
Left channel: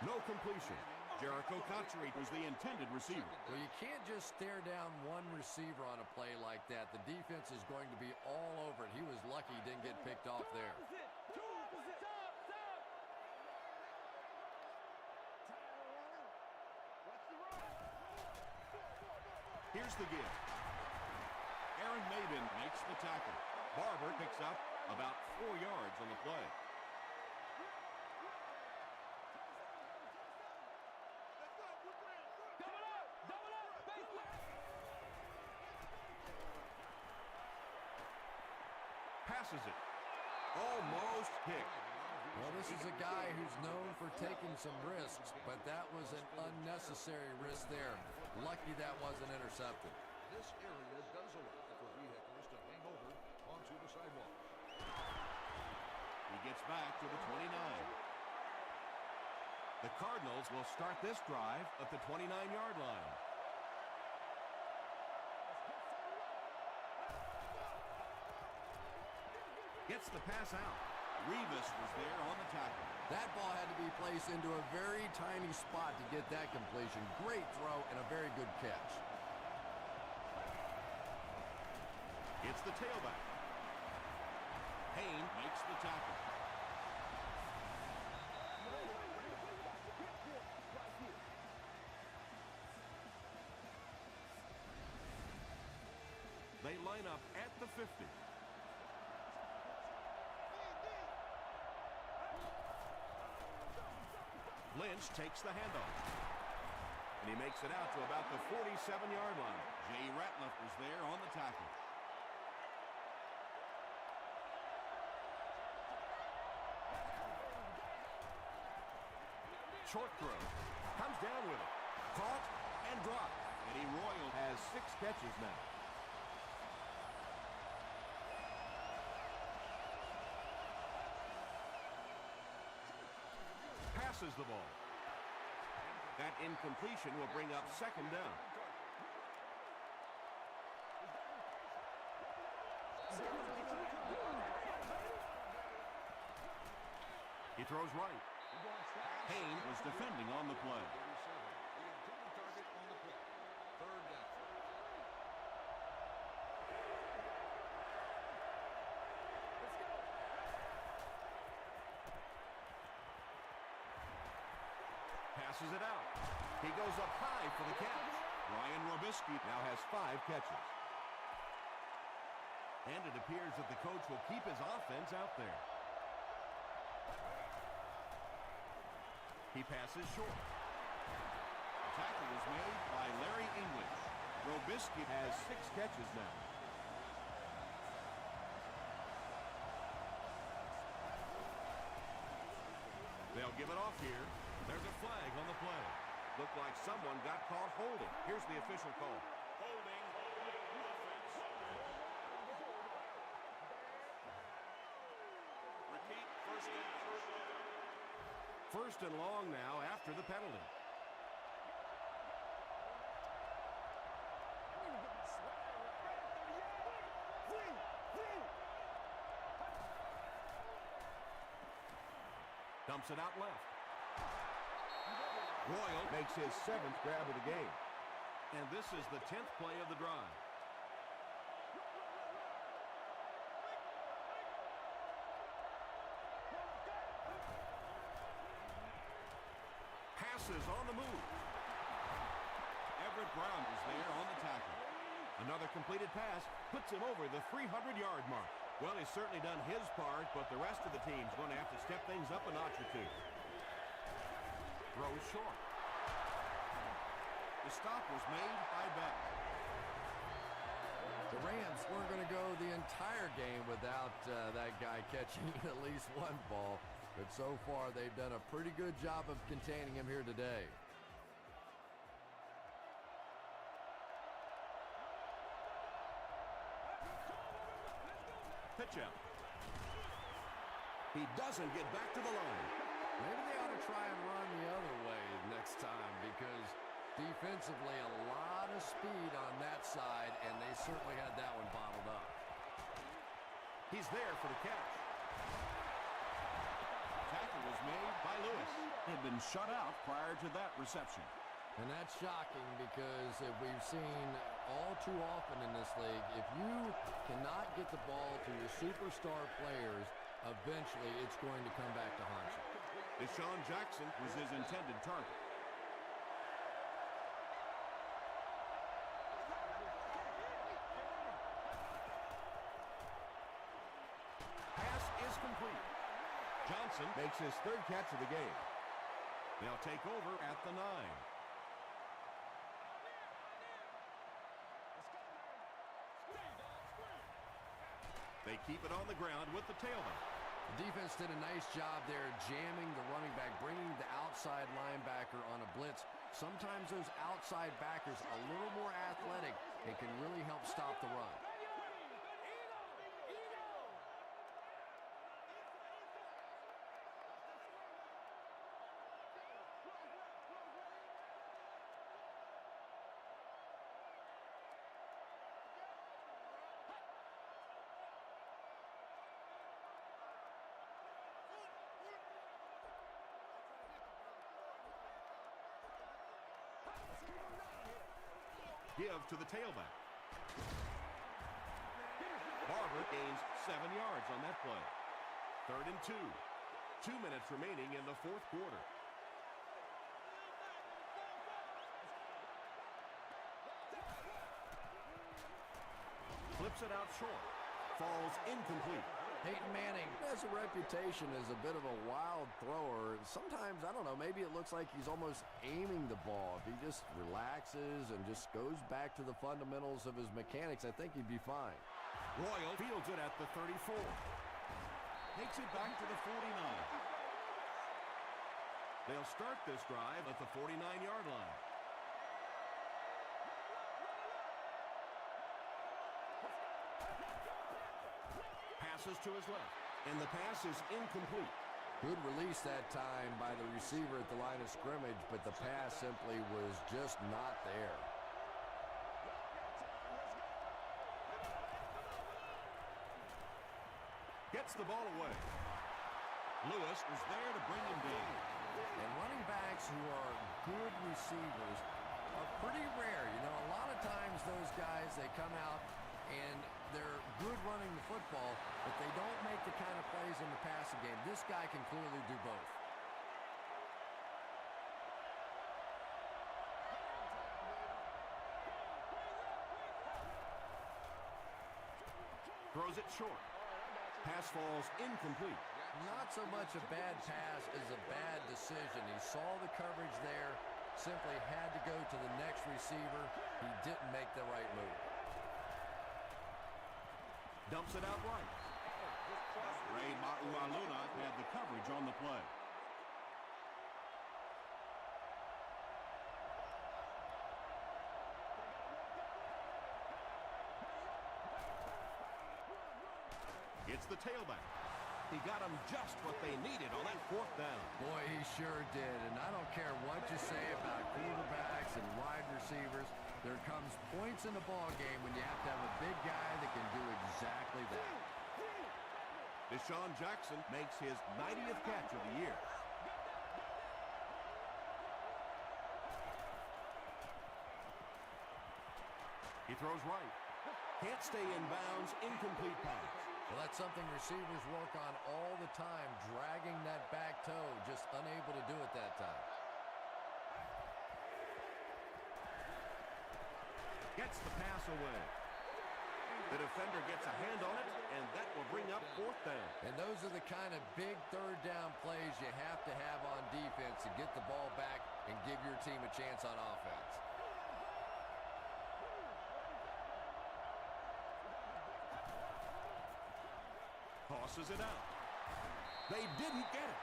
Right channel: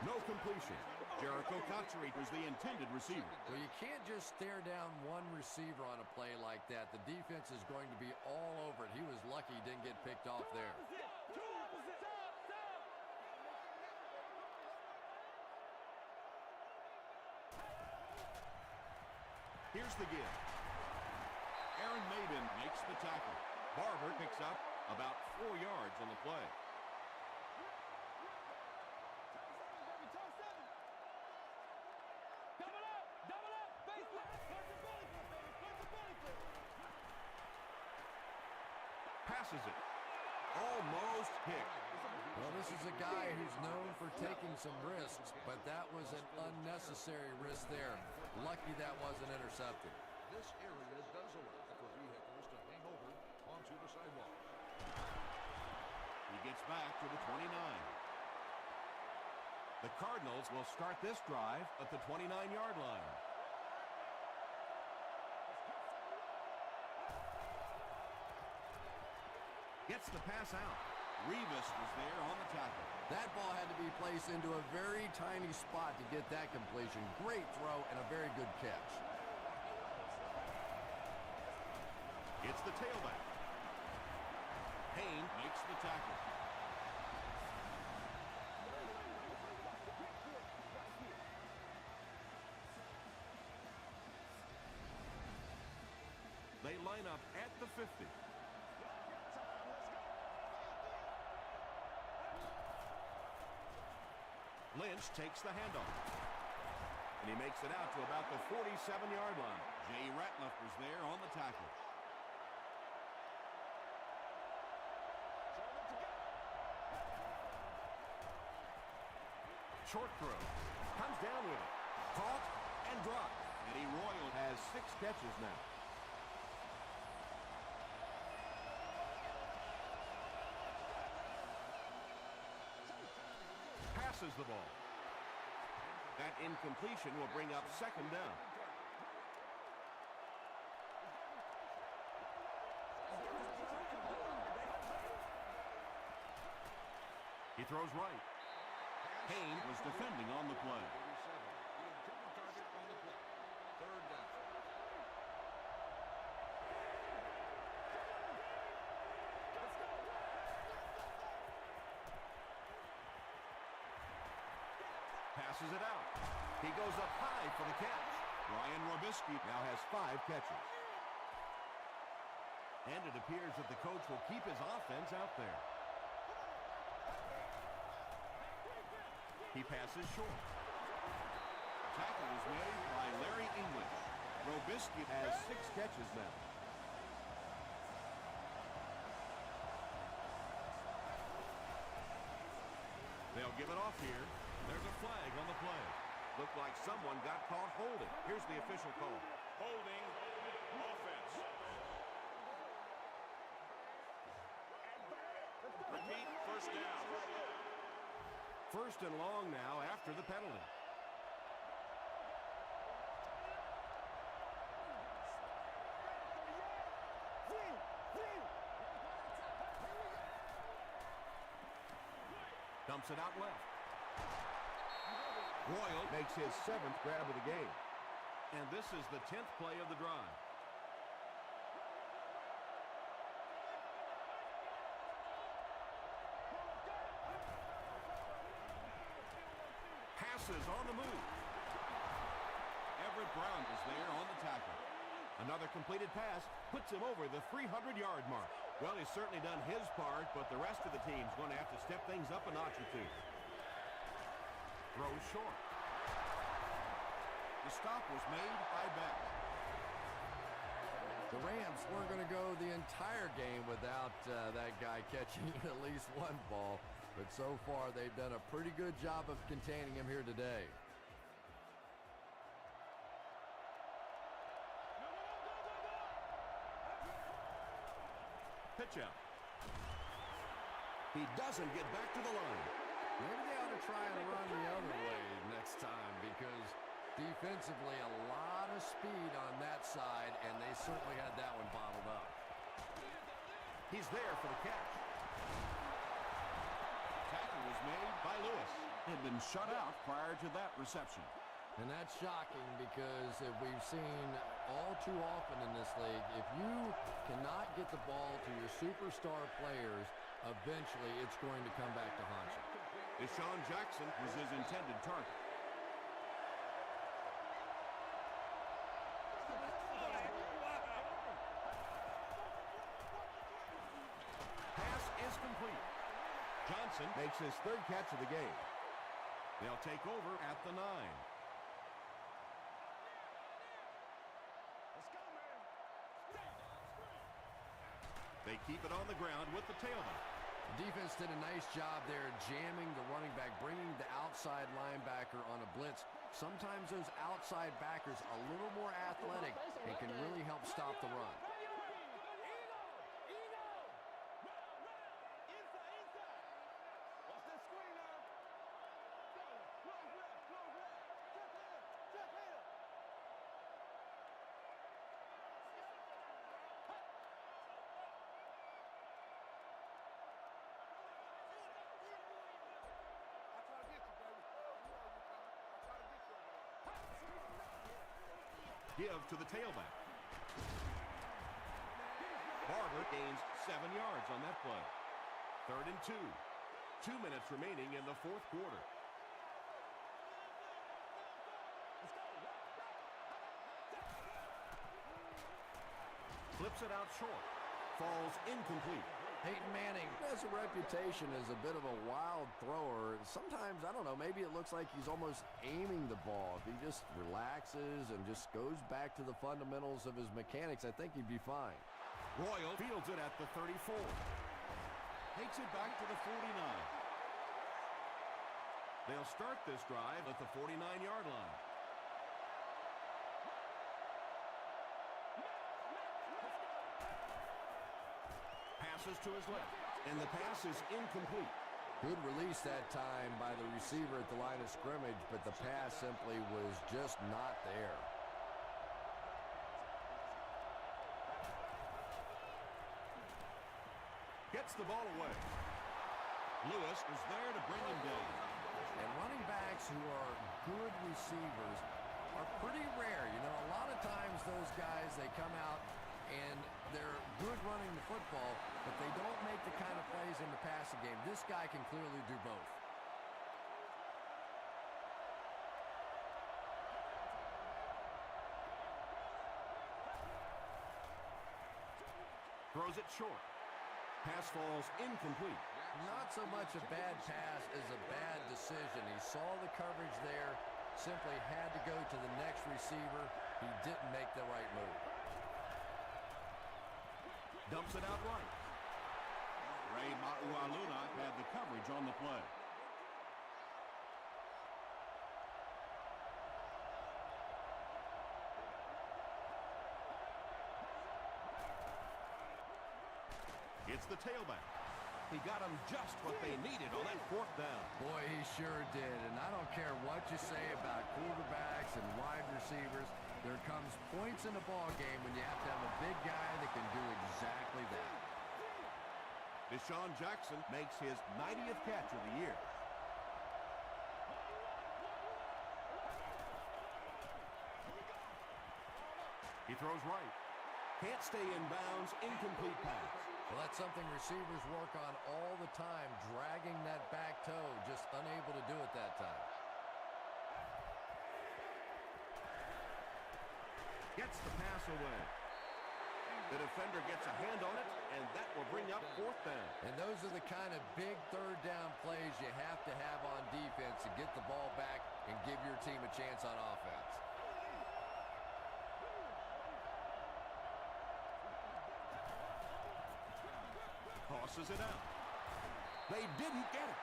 No completion. Jericho Cotchery was the intended receiver. Well, you can't just stare down one receiver on a play like that. The defense is going to be all over it. He was lucky he didn't get picked off there. Here's the give. Aaron Maiden makes the tackle. Barber picks up about 4 yards on the play. Passes it. Almost hit. Well, this is a guy who's known for taking some risks, but that was an unnecessary risk there. Lucky that wasn't intercepted. This area does allow for vehicles to hang over onto the sidewalk. He gets back to the 29. The Cardinals will start this drive at the 29-yard line. Gets the pass out. Revis was there on the tackle. That ball had to be placed into a very tiny spot to get that completion. Great throw and a very good catch. It's the tailback. Payne makes the tackle. They line up at the 50. Lynch takes the handoff. And he makes it out to about the 47-yard line. Jay Ratliff was there on the tackle. Short throw. Comes down with it. dropped. Eddie Royal has 6 catches now. Passes the ball. That incompletion will bring up 2nd down. He throws right. Haynes was defending on the play. Passes it out. He goes up high for the catch. Ryan Robisky Now has 5 catches. And it appears that the coach will keep his offense out there. He passes short. The tackle was made by Larry English. Robisky has 6 catches now. They'll give it off here. There's a flag on the play. Looked like someone got caught holding. Here's the official call. Holding offense. Repeat, first down. 1st and long now after the penalty. Dumps it out left. Royal makes his 7th grab of the game. And this is the 10th play of the drive. Passes on the move. Everett Brown is there on the tackle. Another completed pass puts him over the 300-yard mark. Well, he's certainly done his part, but the rest of the team's going to have to step things up a notch or two. Throws short. The stop was made by Beck. The Rams weren't going to go the entire game without that guy catching at least one ball. But so far, they've done a pretty good job of containing him here today. Pitch out. He doesn't get back to the line. Maybe they ought to try and run the other way next time, because defensively a lot of speed on that side, and they certainly had that one bottled up. He's there for the catch. Tackle was made by Lewis. Had been shut out prior to that reception. And that's shocking, because if we've seen all too often in this league, if you cannot get the ball to your superstar players, eventually it's going to come back to haunt you. Deshaun Jackson was his intended target. Pass is complete. Johnson makes his 3rd catch of the game. They'll take over at the 9. They keep it on the ground with the tailback. The defense did a nice job there jamming the running back, bringing the outside linebacker on a blitz. Sometimes those outside backers a little more athletic and can really help stop the run. Give to the tailback. Barber gains 7 yards on that play. 3rd and 2. 2 minutes remaining in the 4th quarter. Flips it out short. Falls incomplete. Peyton Manning has a reputation as a bit of a wild thrower. Sometimes, I don't know, maybe it looks like he's almost aiming the ball. If he just relaxes and just goes back to the fundamentals of his mechanics, I think he'd be fine. Royal fields it at the 34. Takes it back to the 49. They'll start this drive at the 49-yard line. Passes to his left, and the pass is incomplete. Good release that time by the receiver at the line of scrimmage, but the pass simply was just not there. Gets the ball away. Lewis is there to bring him down. And running backs who are good receivers are pretty rare. You know, a lot of times those guys, they come out and they're good running the football, but they don't make the kind of plays in the passing game. This guy can clearly do both. Throws it short. Pass falls incomplete. Not so much a bad pass as a bad decision. He saw the coverage there, simply had to go to the next receiver. He didn't make the right move. Dumps it out right. Ray Maualuna had the coverage on the play. It's the tailback. He got them just what they needed on that fourth down. Boy, he sure did. And I don't care what you say about quarterbacks and wide receivers. There comes points in the ball game when you have to have a big guy that can do exactly that. Deshaun Jackson makes his 90th catch of the year. He throws right. Can't stay in bounds. Incomplete pass. Well, that's something receivers work on all the time, dragging that back toe, just unable to do it that time. Gets the pass away. The defender gets a hand on it, and that will bring up fourth down. And those are the kind of big third down plays you have to have on defense to get the ball back and give your team a chance on offense. Tosses it out. They didn't get it.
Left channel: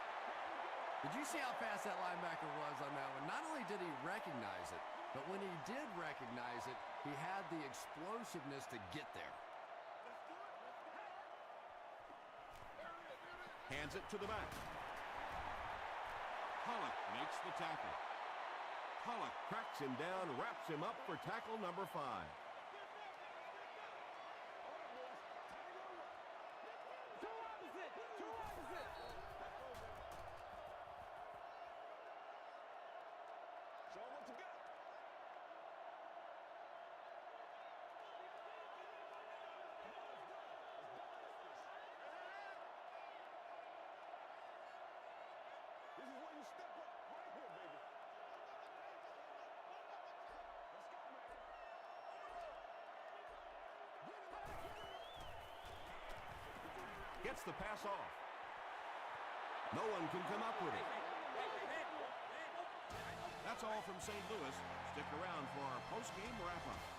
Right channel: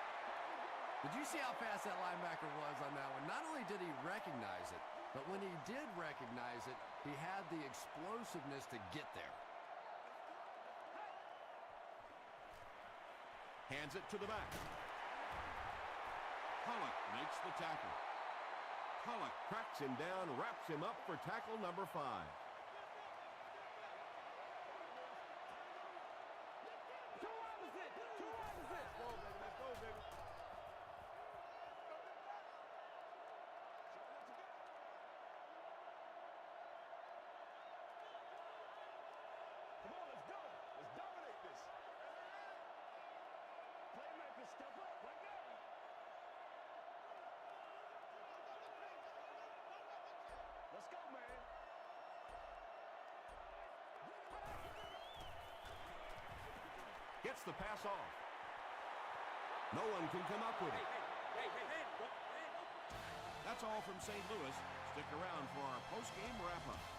Did you see how fast that linebacker was on that one? Not only did he recognize it, but when he did recognize it, he had the explosiveness to get there. Hands it to the back. Pollock makes the tackle. Pollock cracks him down, wraps him up for tackle number 5. Gets the pass off. No one can come up with it. That's all from St. Louis. Stick around for our post-game wrap-up.